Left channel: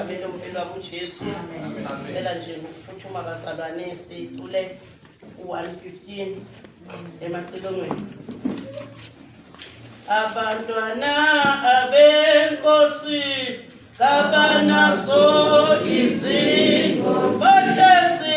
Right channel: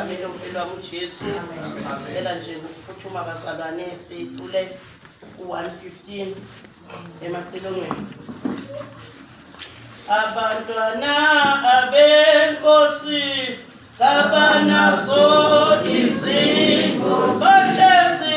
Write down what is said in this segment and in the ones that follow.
egameni lomfelo wami uJesu. Ngicela nje ukuphuthuma bazalwane sicule u115 emacilongweni. Abantwana abenkosi kabanaso izinto bahlezi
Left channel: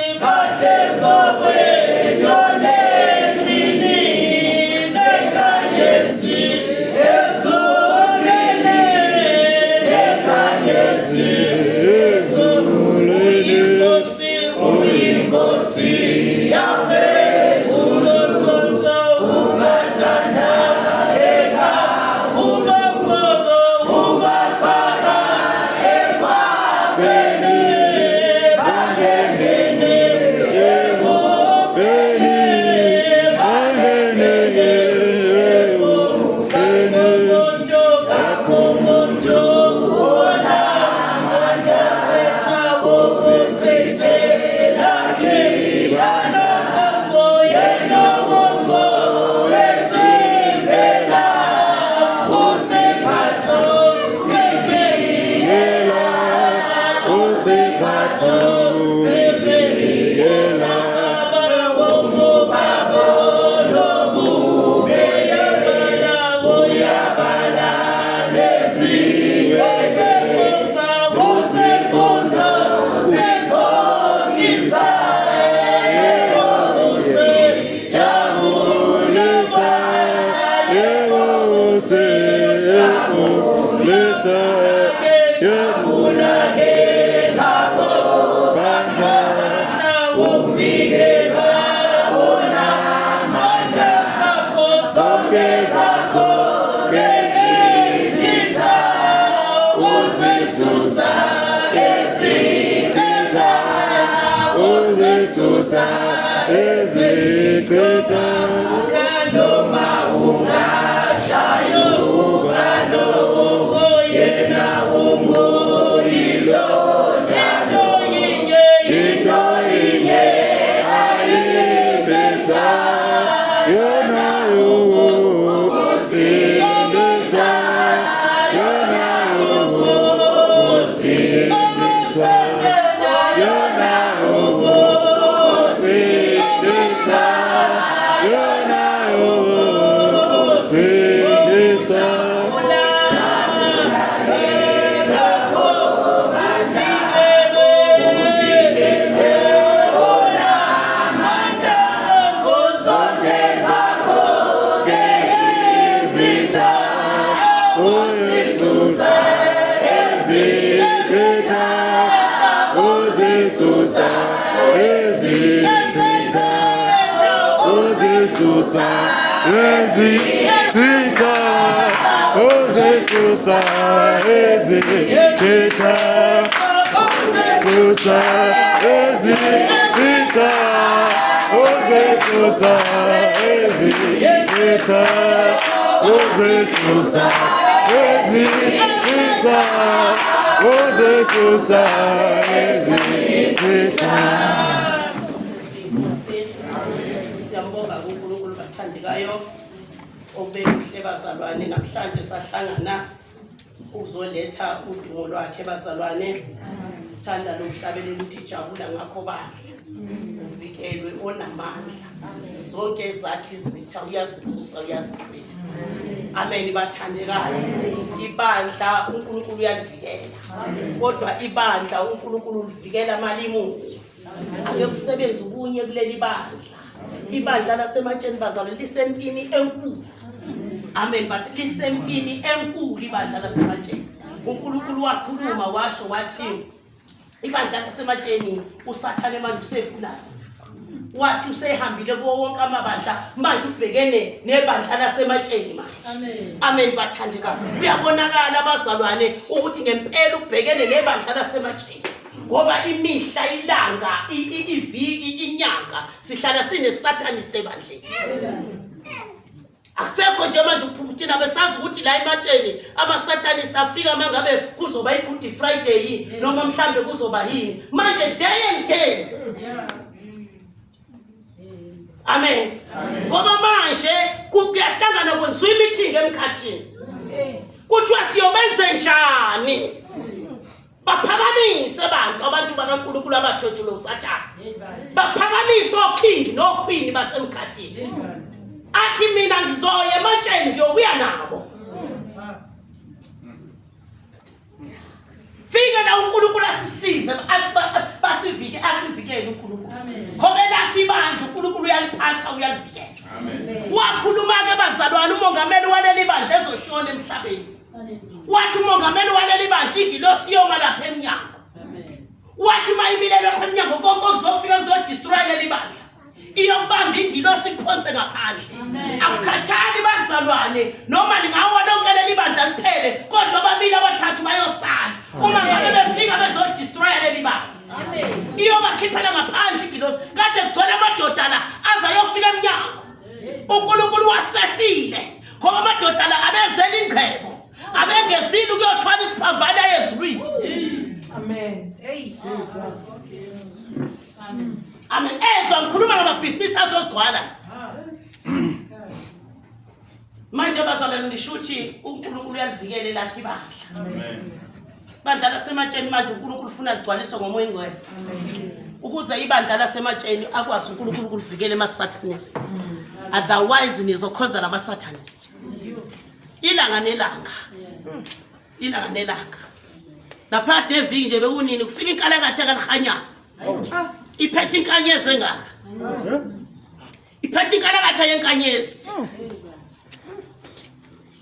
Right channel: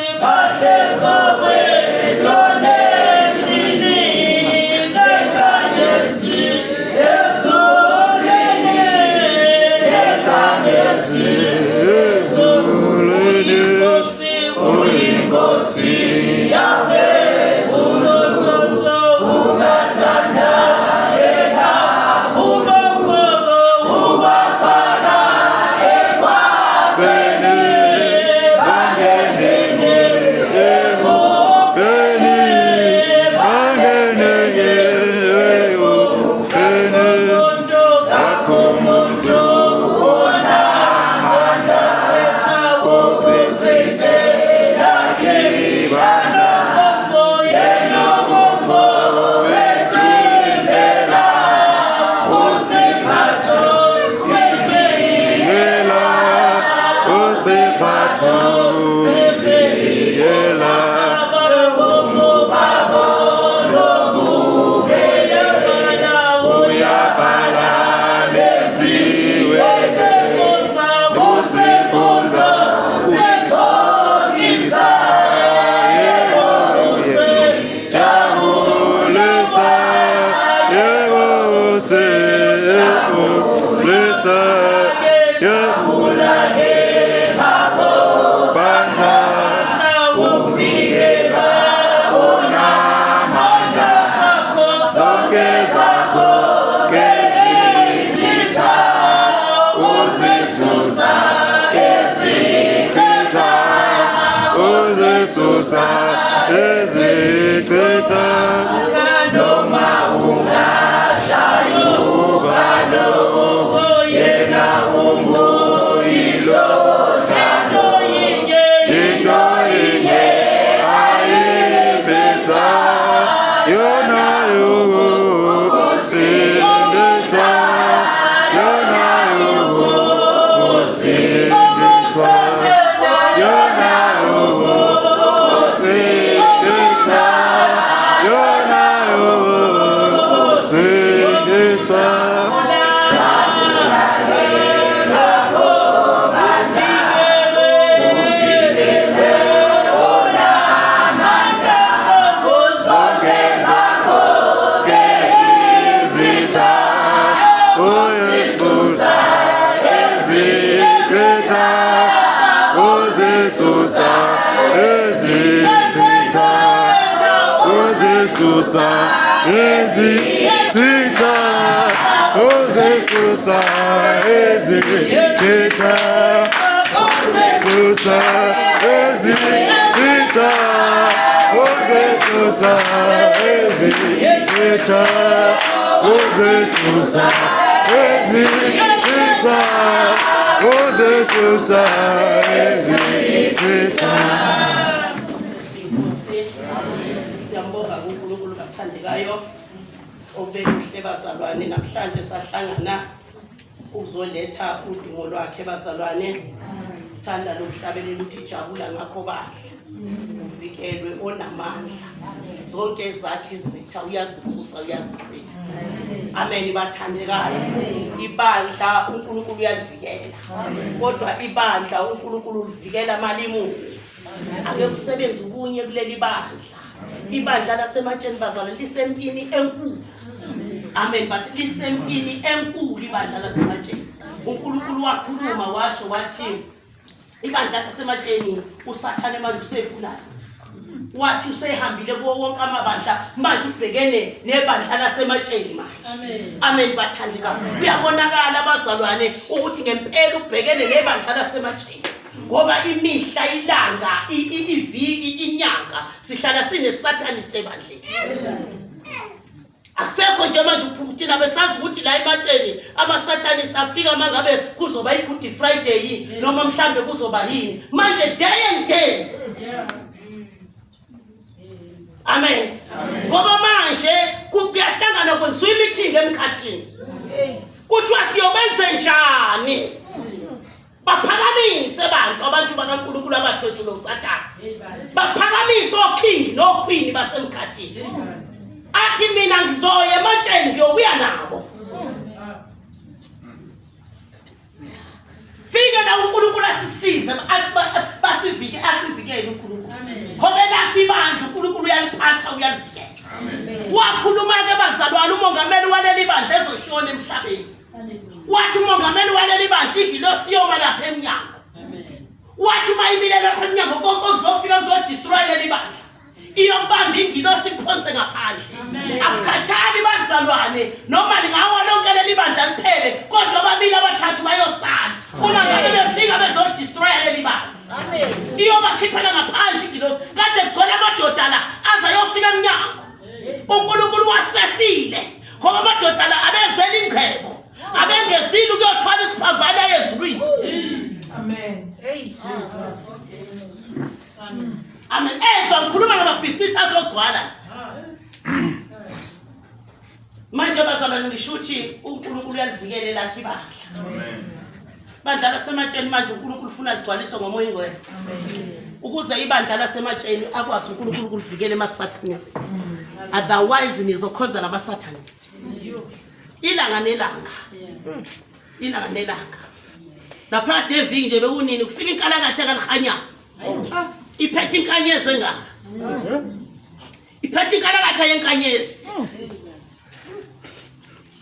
Susa ezithetha noma ungashayo uvalo yena unguyilo njalo into inye ayifisa yona yokusindiswa yona yokusindiswa yona Susa ezithetha Susa ezithetha Susa ezithetha Susa ezithetha Susa ezithetha Susa ezithetha. Siyambonga uNkulunkulu bathandekayo obekuhle bazalwane namhlanje sahlangana uzoletha udumo lwakhe bazalwane. Thanda lokuhlabelela uthi jabula ngakho bandla uvikelwe onamandla zonke zakhe izitha uyazisusa uyazichitha. Amen bathandekayo. Ibandla uNkulunkulu uyalivikela kodwa ibandla uNkulunkulu ulivikela malimu ake kusebenza ubunye kuleli bandla. Ibandla lasematsheni bazalwane lisempini enkulu. Amen but lisempini enkulu ibandla lasematsheni. uNkulunkulu wakhuluma washo wathi ibandla lasematsheni usathane manje usefulana. Wathi usehambile kuwo wonke amabandla manje ubhekene nebandla lasematsheni manje. Amen bathandeka. Kuyabonakala abazalwane ukuthi ngempela ubhekene nebandla lasematsheni. Ngoba imihla ilanga iviki inyanga sihlala sinesatanist ebandleni. Akusekho nje manje ukuphumthina besazi ukuthi la ematsheni ama-satanist afika mangabe kuzoba i-Good Friday noma mhlambe kuzoba yini manje day and day. Amen. Ngoba manje kuyahlangana kwenziwa imeeting emkhathini. Kuthiwa siyobenze njani? baphakamise abantu bakaNkulunkulu abathotshula uSathane, baphakamise oking noqueen basemkhathini, athi mina ngizoya ematsheni ngiyobuya nabo. Fika na uNkulunkulu asisize asivikele uNkulunkulu. Ngoba lakhe ibandla uNkulunkulu uyaliphatha uyalivikela. Wakhuluma ke bazalwane umongameli waleli bandla ezoshona emhlabeni. Wathi umongameli waleli bandla ingilosi yoma lapha eminyango. Wathi mayibile lapha eminyango konke okuzofika kuzodestroy leli bandla. Iyobamba ingilosi iphonse ngaphandle. Akukhathali bazalwane noma lingawa lonke leli bandla liphele kodwa ababili abathathu bayosala. Uma ngabe befika bezodestroy leli bandla. Amen. Iyobakhiphela ngaphandle ingilosi. Kade kugcwele amadoda la azayofika eminyango. uNkulunkulu wasefile ngoba amadoda la abezela ingcebo. Abengezile ukuyothwala isiphambana ezulwini. Amen. Hey Jesus. Amen. Amen. Ezwa ngikhuluma ngamabhizinisi azogcwala. Manje bazalwane ngisho ukuthi uNkulunkulu uyalivikela lakhe ibandla. Amen. Bandla lasematsheni manje uNkulunkulu ufuna ligcwaliswe ngomoya ingcwele. Amen. Ukuze ibandla lasematsheni akwazi uNkulunkulu ukulivikela emasathanisi. Otherwise nizokhonza lamasathanists. Ilanga nelanga. Ilanga nelanga. Lapha neviki nje bekunini kufika inkalakatha kalihanya. Iphethe inkanyezi engaka. Iphethe inkalakatha yenkanyezi.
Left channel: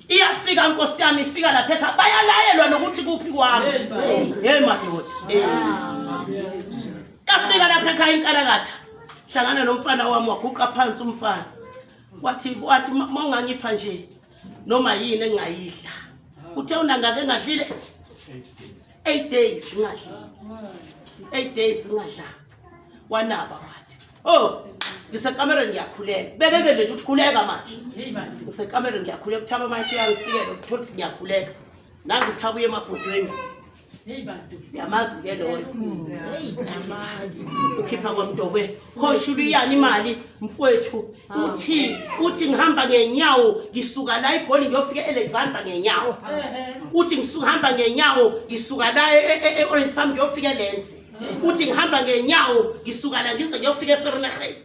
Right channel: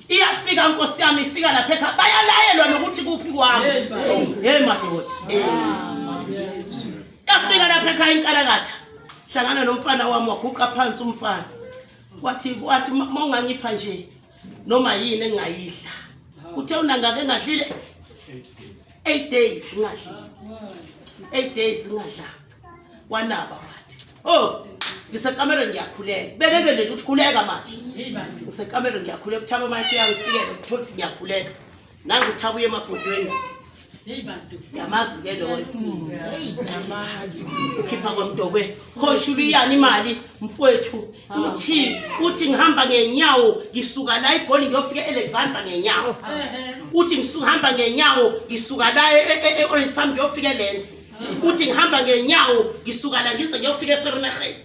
Iyafika Nkosi yami ifika lapha ekhaya bayalayelwa nokuthi kuphi kwami. Hey madoda. Yafika lapha ekhaya inkalakatha. Hlangana nomfana wami waguqa phansi umfana. Wathi mawungangipha nje noma yini engayidla. Uthe unangake ngadlile 8 days ngadla. 8 days ngadla. Wanaba wathi, "Oh, ngisekamereni ngiyakhuleka." Bekeke nje ukuthi khuleka manje. Ngisekamereni ngiyakhuleka uthaba manje uyangifikela ukuthi ngiyakhuleka. Nangu uthabuye emabhodweni. Yamazi ke loyo. Ukhipha kwamntokwe. Hoshulu iyani imali mfowethu. Uthi ngihamba ngenyawo ngisuka la eGoli ngiyofika eAlexandra ngenyawo. Uthi ngisuhamba ngenyawo ngisuka la eOrange Farm ngiyofika eLenzi. Uthi ngihamba ngenyawo ngisuka la ngize ngiyofika eVerneging.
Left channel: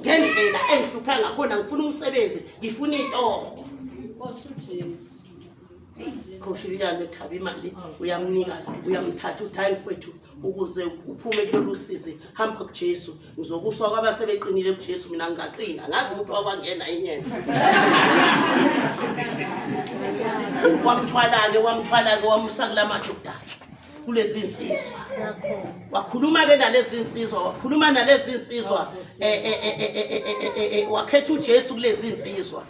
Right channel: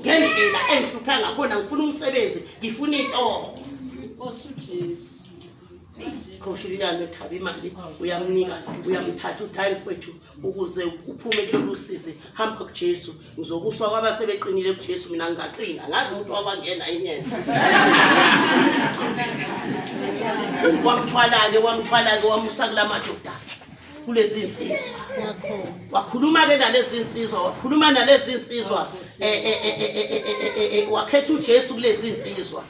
Ngendlela engihlupha ngakhona ngifuna umsebenzi, ngifuna intoho. Khoshuliyana uthaba imali uyamnika uyamthatha uthayini mfowethu ukuze uphume kulolu sizi hamba kuJesu ngizokuswa kwabasebeqinile kuJesu mina ngingaqina ngazi umuntu wakwangena inyene wamthwala ke wamusa kulamadoda kulezi insizwa wakhuluma ke nalezi insizwa wakhuluma nalezi insizwa wakhetha uJesu kulezi insizwa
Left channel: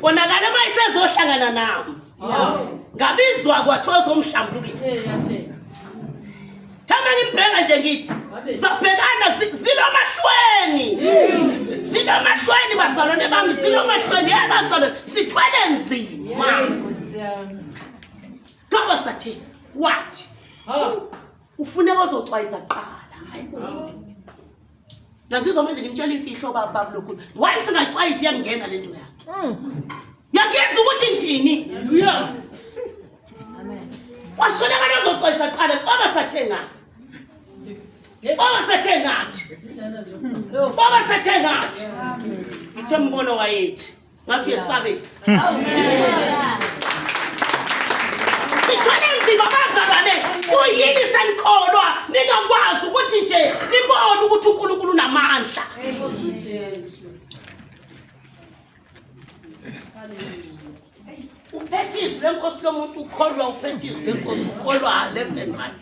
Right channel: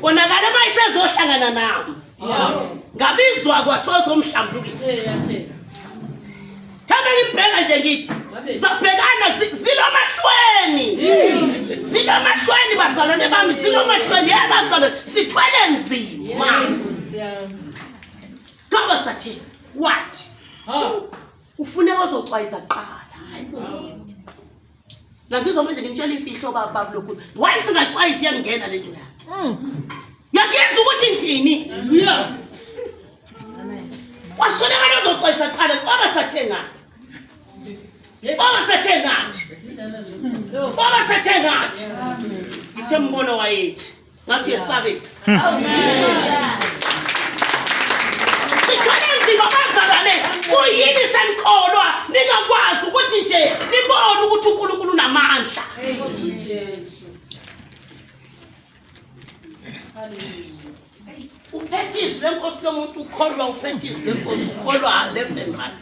konakala mayisezohlangana nami ngabizwa kwathoza umhlambulukisi Thamba ngibheka nje ngithi sabhekana zilomashweni bazalwane bami zilomashweni yabazalwane sithwele nzima ngoba sathi wathi ufuneka uzocwayiza kuqala la ngizomanje ngitshela imfihlo baba lokhu why singacwayiza iyangena lento yakhe yakenza ukuthi ngithini amen wasonakala uzocwayiza kuqala ngoba sathe ngathi Baba sathe ngathi ngithe mbono wayethi ngathi yesabe Sithwele nzima bazalwane uyini senikholwa ningakwazi ukuthi nje nibone ukuthi uNkulunkulu unamandla Uphethizwe lenkosi lomuntu ukholwa uphethizwe lenkosi ukholwa left and right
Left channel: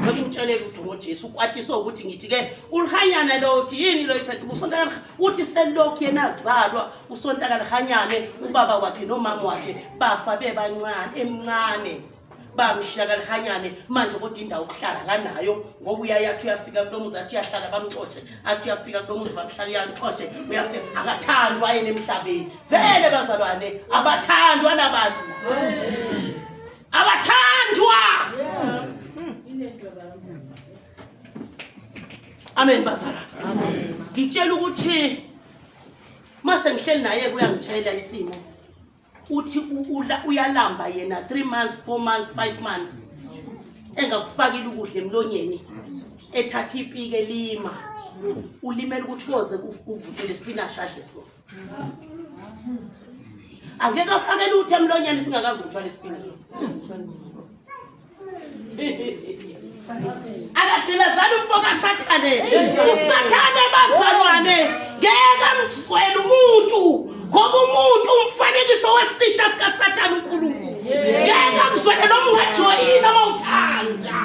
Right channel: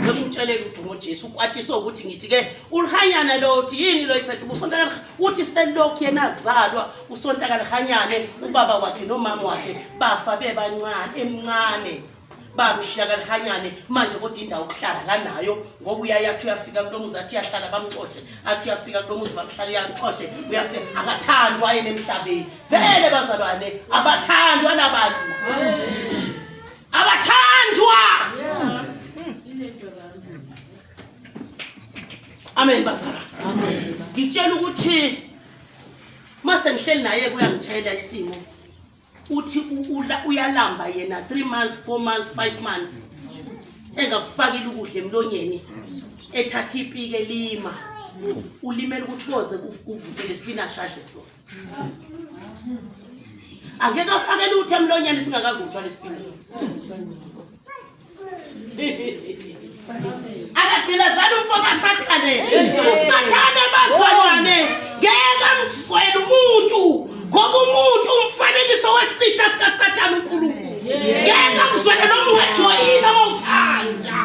Ngimtshelele ukuthi ngoJesu ukwatisa ukuthi ngithi ke ulihanyana lo uthi yini lo iphethe usontaka uthi selokhu yena azalwa usontaka lihanyane ubaba wakhe nomama wakhe bafa bebancane emncane bamshiya lihanyane manje kodwa indawo okuhlala kanayo ngoba uyayathi uyafika kulomuzi athi yahlala bamxoxe athi uyafika kulomuzi bamhlala yanxoxe uyafika akathandwa yena emhlabeni vele bazalwane abathandwa nabantu abathandwa Amen bazalwane. Amen. Ngitshela ukuthi mase ngihleli naye kuyangitshela isimo. Uthi uyalamba yena 3 months, 4 months, 5 months. engakufakile ukudla emlonyeni ethatha ipike lima ulimela ukuthi koze kuvutele spinach adle sona angeke afakele ukuthi emlonyeni singakavuthwa lespinach akadilazana umfoka sathane usathane bazalwane ngeke mswele umuntu ngoba umuntu umfanekiso wesitha sika Satan uNkulunkulu ngeke mswele noma ungajoyina mawuthanda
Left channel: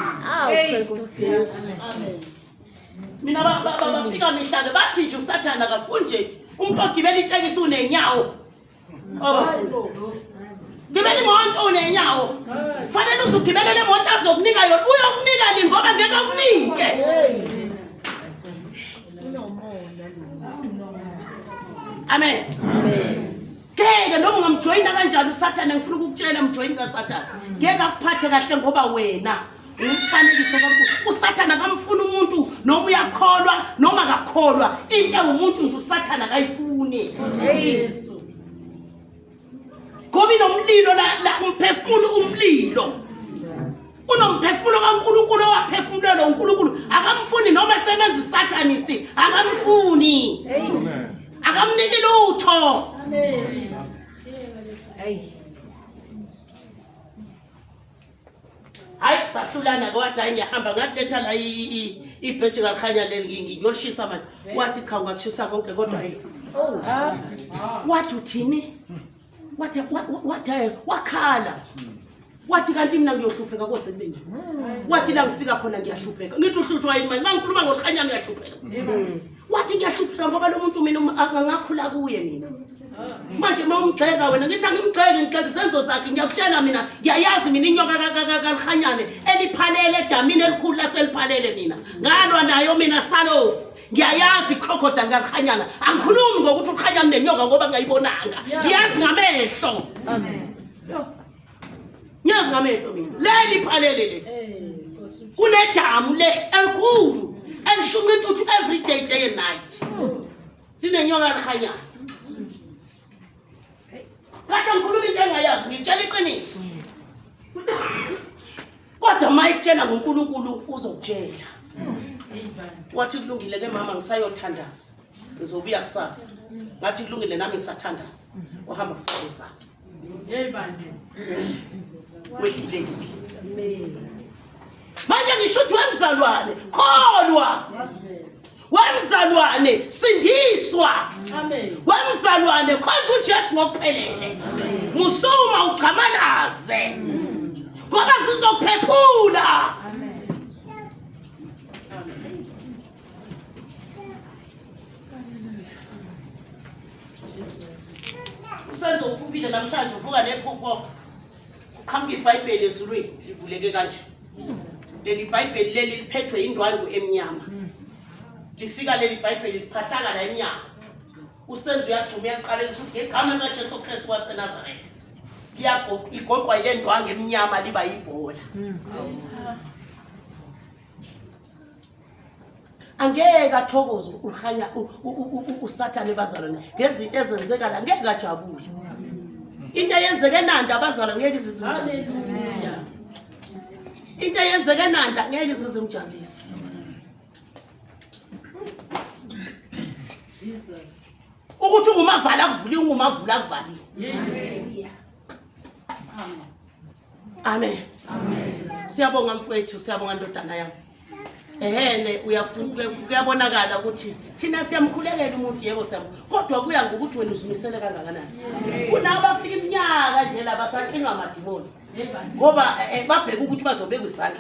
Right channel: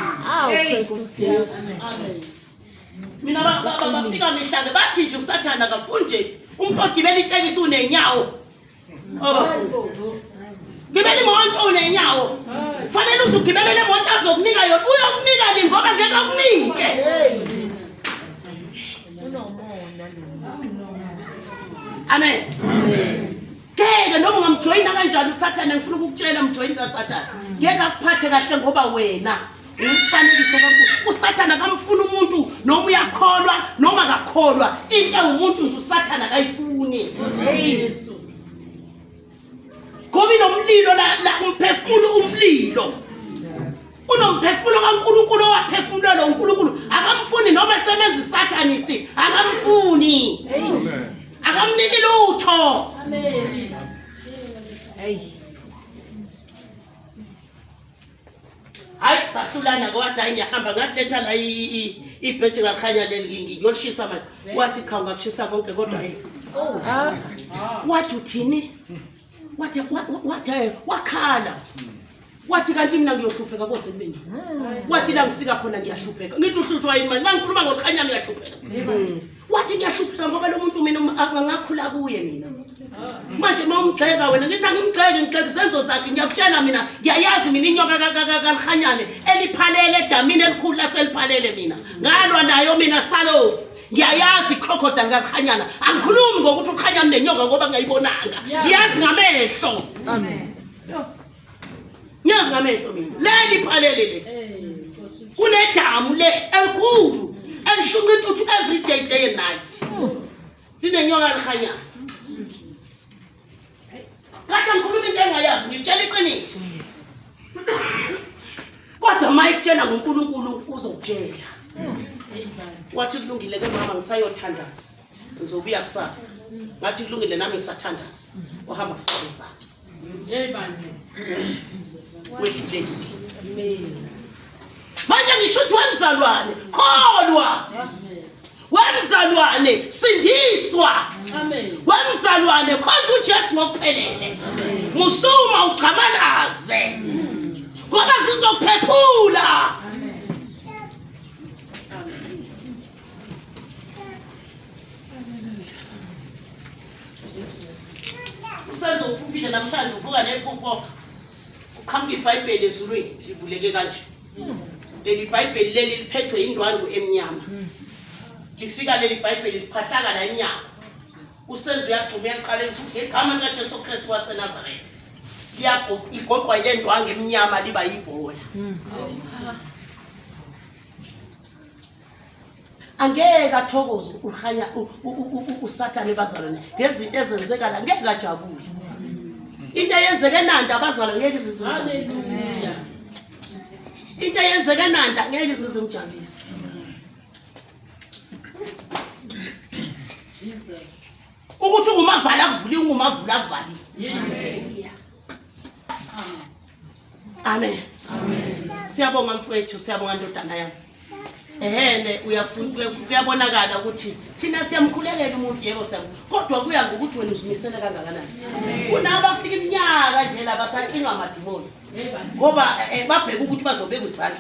mina bafika mihlanga bathi nje uSathane akafunje umuntu ogibela itekisi unenyawo abafundi gibela imoto unenyawo fanele uzugibele le moto azokunika yona uyokunika lini ngoba ngeke akunike amen ngeke noma ungamjoyina kanjalo uSathane ngifuna ukukutshela umjoyini kaSathane ngeke akuphathe kahle ngoba wena umfanekiso kaNkulunkulu uSathane akamfuna umuntu noma uyakholwa noma akakholwa into engumuntu nje uSathane akayifuni ngoba inomlilo la umphefumulo umlilo unomphefumulo kaNkulunkulu owaphefumula lo uNkulunkulu akamfuni noma esebenza iSathanist akamfuni akamniki lutho hayi sahlulana kwathi hayi ngiyahamba ngatletha la ibheji ngalikhanya leli ngiyolishisa manje wathi cha ungakushisa konke kodwa hayi wathi uthini wathi wakhala wathi kanti mina ngiyohlupheka kosemini wathi la ngifika khona ngiyahlupheka ngithi uhluthwa yini manje mangikhuluma ngolikhanya ngiyahlupheka wathi ngiyahlupheka ngoba lo muntu mina angakhula kuye mina manje mawumgxeka wena ngithi angimgxeki ngixeki senzo zakhe ngiyakutshela mina ngiyayazi mina inyoka kalikhanyane eliphalele edamini elikhulu laseliphalele mina ngalwa nayo mina salofu ngiyayazi crocodile kalikhanyana angikhulumi ngokuthi ukhanya nenyoka ngoba ngayibonanga ngiyazi ngamehlo amen ngiyazi ngamehlo mina leli phalele le kunedamu le elikhulu elishunqa intuthu every day and night linenyoka kalikhanyana kade ngikhuluma into engayazi ngitshela iqiniso kodwa mayitshela ngoNkulunkulu uzokutshela wathi kulungile ke mama ngisayothandaza ngizobuya kusasa ngathi kulungile nami ngisathandaza ohamba forever yeyibani wedlule manje ngisho ukuthi wemzalwane kholwa wemzalwane sindiswa amen wemzalwane khonza uJesu ngokuphelele musuma ugamalaze ngoba sizokuphephula senzo uphile namhlanje uvuka nephupho uqhamuka iBhayibheli ezulwini livuleke kanje leli iBhayibheli leli liphethwe indwangu emnyama lifika leli iBhayibheli liphahlaka la emnyama usenzo uyagcuma uyaqala ukuthi ngegama likaJesu Kristu waseNazaretha liyagoqwa ile ndwangu emnyama liba yibhola angeke athokoze ukhanya uSathane bazalwane ngezinto ezenzeka la ngeke ajabule into eyenzeke nanda abazalwane ngeke izizimjabulise into eyenzeke nanda ngeke izizimjabulise ukuthi ungumavala kuvuli ungumavula kuvali amen siyabonga mfowethu siyabonga ndodana yami ehene uyafuna kuyabonakala ukuthi thina siyamkhulekela umuntu yebo sami kodwa kuya ngokuthi wena uzimisele kangakanani kunabafika iminyaka nje laba saxinga amadimoni ngoba babheka ukuthi bazobeka izandla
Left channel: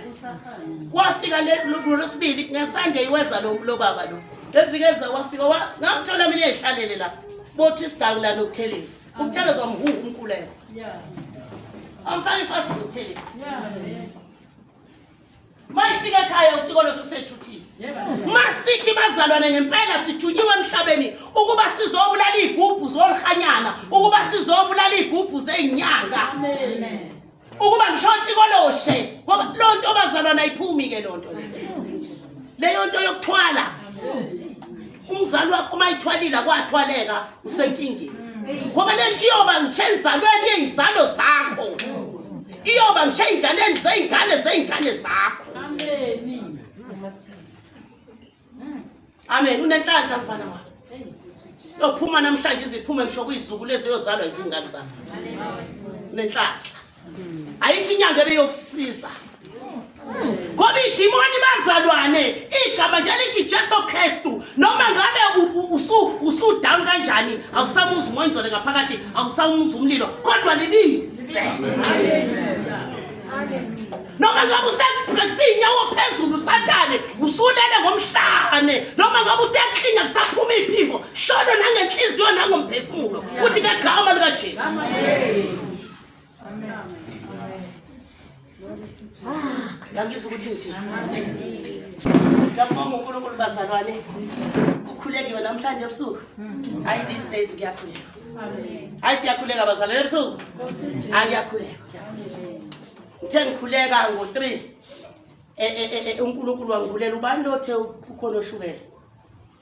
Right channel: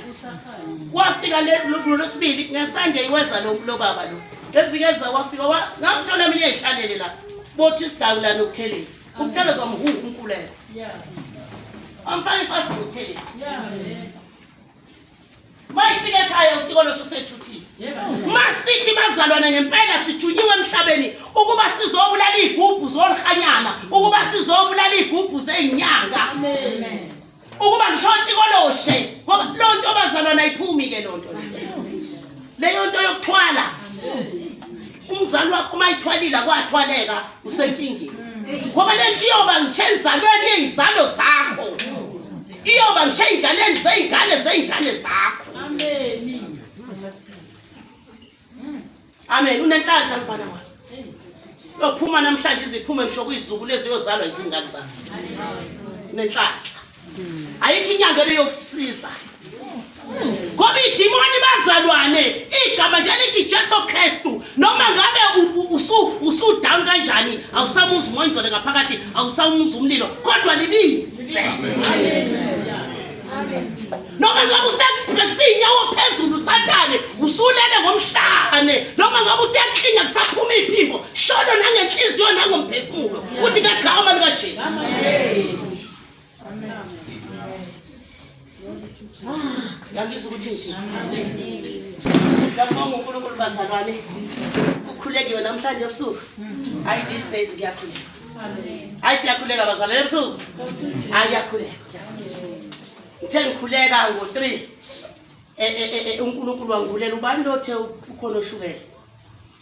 wafika lolosibili ngeSunday iweza lo baba lo evikeza wafika ngamthola mina ehlalele la bothi sidakula nokuthelezi ukutheleza kwamhuhu umkhuleko amfake fast ngothelezi mayifika ekhaya uTikolo usethuthile masithi bazalwane ngempela sithunyiwe emhlabeni ukuba sizobulala igubhu zolikhanyana ukuba sizobulala igubhu zezinyanga amen ukuba ngisho Tikoloshe ngoba lonto bazalwane ayiphumi ke lonto leyo nto yokuthwala umzali wakho mayithwalile kwathwaleka usenkingeni ngoba lento iyoba ngichenza ngene izalo zakho iyoba ngisho ey'nganeni zey'ngane zakho. Amen. Unenhlanhla mfana wami. Yophuma namhlanje iziphume ngisho kuyizulu lezi yozalwa izingane zakho. Unenhlanhla. Ayikho inyanga ebeyokusiza. Ngoba idimoni bazalwane igama nje lithi Jesu Kristu noma ngabe usudown kanjani awusamuza umoya ngaphakathi awusamuza umlilo kodwa libize. Noma ngabe usekusiyinyawo phezulu Sathane usulele ngomhlane noma ngabe usiyaklinya kusaphuma iphimbo shono nangenhliziyo nangomphefumulo uthi ngegama lika Jesu. Ngangizwa ukuthi nje ngiyabonga uNkulunkulu bazalwane ukhulekiwe namhlanje ebusuku. Hayi these days ngiyakhuleka. Hayi siyakhuleka bazalwane ebusuku. Ngiyakhuleka. Ngithe ngikhuleka ngo3 uNkulunkulu wangibulela ubani lothe ukhona oshukela.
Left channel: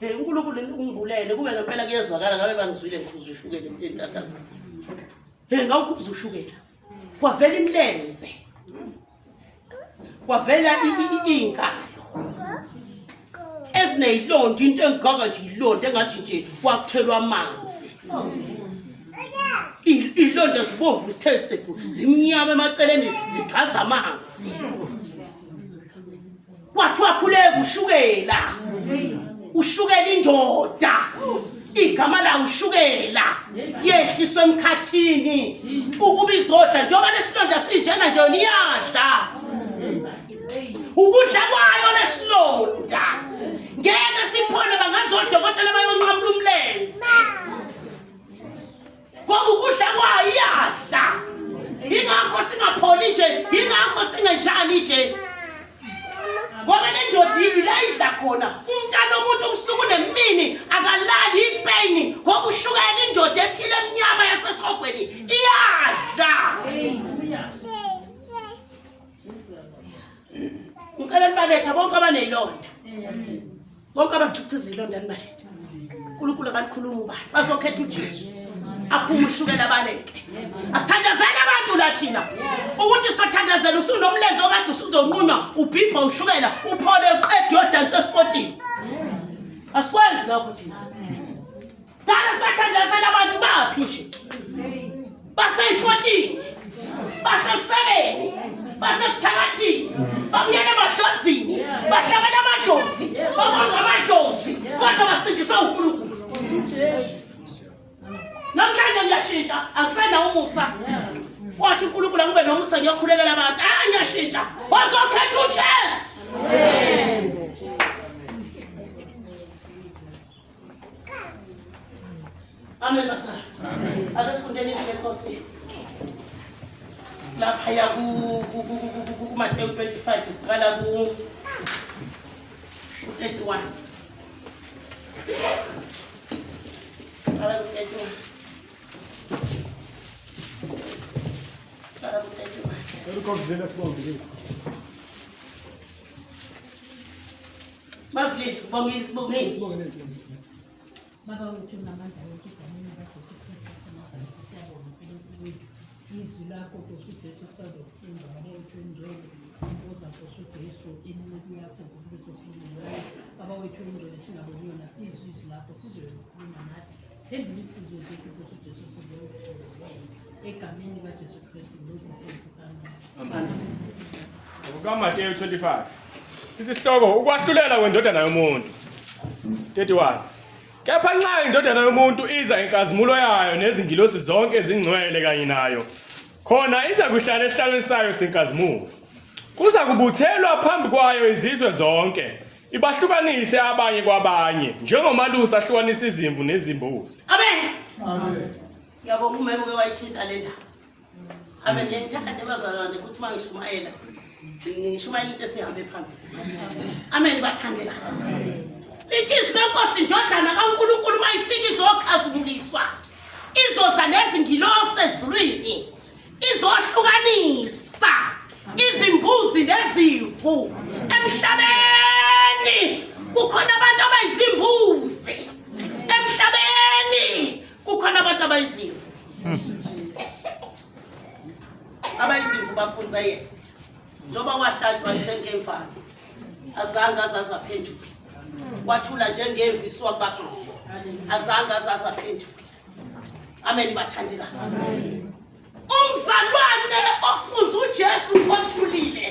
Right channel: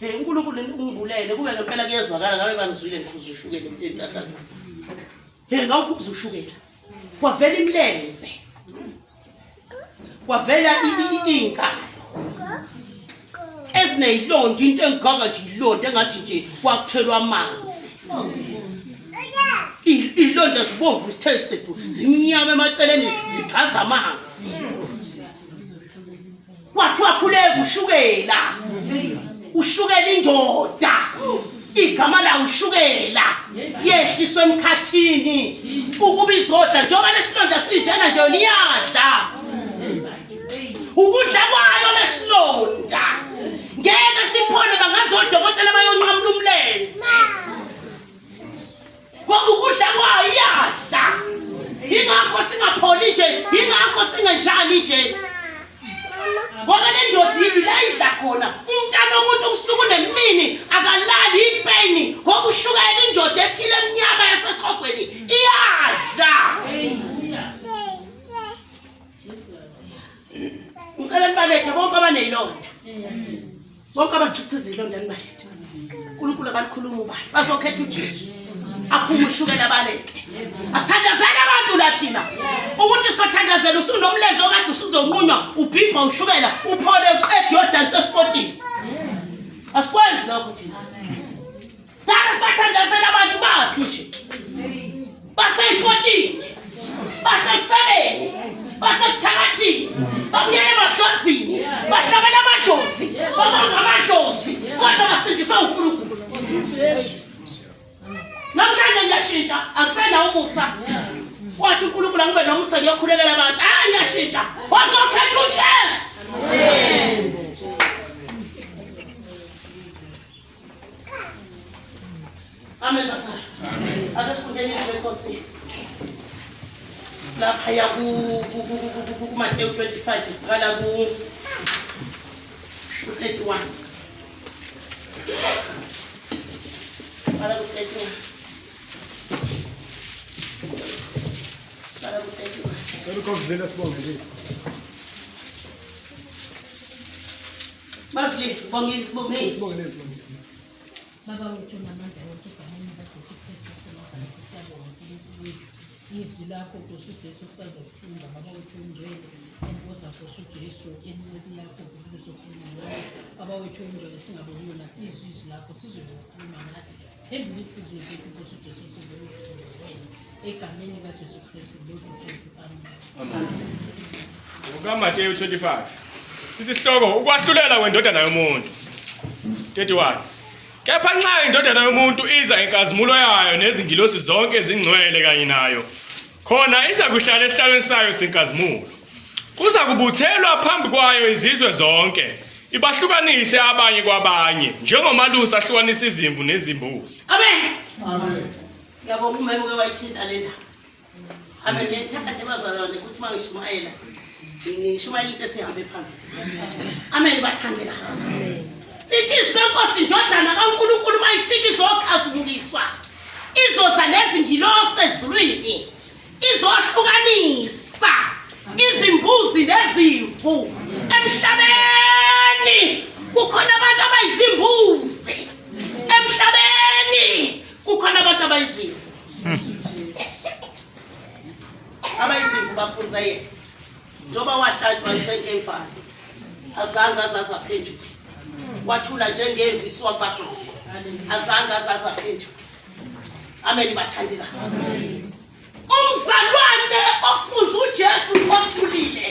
uNkulunkulu ungibulele kube ngempela kuyezwakala ngabe bangizwile ngikhuza ushukela entatha. Ngawukhuza ushukela. Kwavela imlenze. Kwavela inkalo ezineyilonda into engigaga nje ilonda engathi nje kwakuthelwa amanzi. Ilonda sibomvu sithethe sethu zimnyama emaceleni zichaza amanzi. Kwathiwa khuleka ushukela indoda igama la ushukela yehliswe emkhathini ukuba izodla njengoba lesilonda sinjena nje niyadla. Ukudla kwayo lesilonda ngeke siphone bangazodokotela bayonqamula umlenze ngoba ukudla kwayo iyadla. Ingakho singapholi nje ingakho singenjani nje ngoba le ndoda ilayidla khona umntana womuntu ubusuku nemini akalali ipeni ngoba ushukela indoda ethile emnyama yasesogweni iyadla. Ngicela nibaletha bonke abanezilonda. Bonke abajuthuza izilonda nibaletha. uNkulunkulu akalikhuluma ubani. Bazokhetha uJesu. Aphuma ushukela baleke. Asithandazeni abantu lathina. Ukuthi sithandazela usunomlenze okade usuzonqunywa ubhibha ushukela uphole uqede yodansa esportini. Asikwenzi lokho thina. Dala sithandazela abantu baphi nje. Base-14. Base-7. Basekuthakathini babuyele emadlozini bahlabela amadlozi babanga amadlozi kodwa basindiswe uNkulunkulu. Namhlanje ngiyashintsha akusenawo umusa. Wathi uNkulunkulu angibe nomusa ngiyokhulekela abantu. Ngiyashintsha bazokhetha uJesu. Amen bazalwane. Ake sifundeni izwi leNkosi. Lapha ya ku Matthew 25 isiqala ku 31. Ala ku 31. Ala ku 31. Ukonvela sibongelisa. Basli bongisi. Baba wethu namandla wethu egameni lakho Kristu siyabonga izwi lakho Nkosi uJesu sizofunda baba wethu engcwele enkosi zakho uJesu encwadi yakho kuzokhuluma baba wethu engcwele singaboniyo nasizwe izwi lakho sizokhuluma nathi phezulu izwi lethu Nkosi uJesu sizokhuluma egameni kaJesu Kristu lokhu amen. UkaMateyu 25 isihloko ukwahlulela kwendodana yomuntu 31. Kepha nxa indodana yomuntu iza inkazimulo yayo nezingilosi zonke ezingcwele kanye nayo khona iza kuhlala esihlalweni sayo senkazimulo. Kuza kubuthelwa phambi kwayo izizwe zonke ibahlukanise abanye kwabanye njengomalusi ahlukanisa izimvu nezimbuzi. Amen. Amen. Ngiyabonga umema ke wayithinta le ndaba. Amen. Ngiyakuthatha bazalwane ukuthi mangishumayela ngishumayela into esihambe phambili. Amen bathandela. Lithi izwi leNkosi indodana kaNkulunkulu mayifika izokhazumuliswa. Izoza nezingilosi ezulwini. Izohlukanisa izimbuzi nezimvu emhlabeni. Kukhona abantu abayizimbuzi. Emhlabeni kukhona abantu abayizimvu. Abayizimvu bafunze yena njoba wahlatshwa njengemfana azange azaphenduka wathula njengemvi swabagodi azange azaphenduka amen bathandika umzalwane ofunza uJesu othulile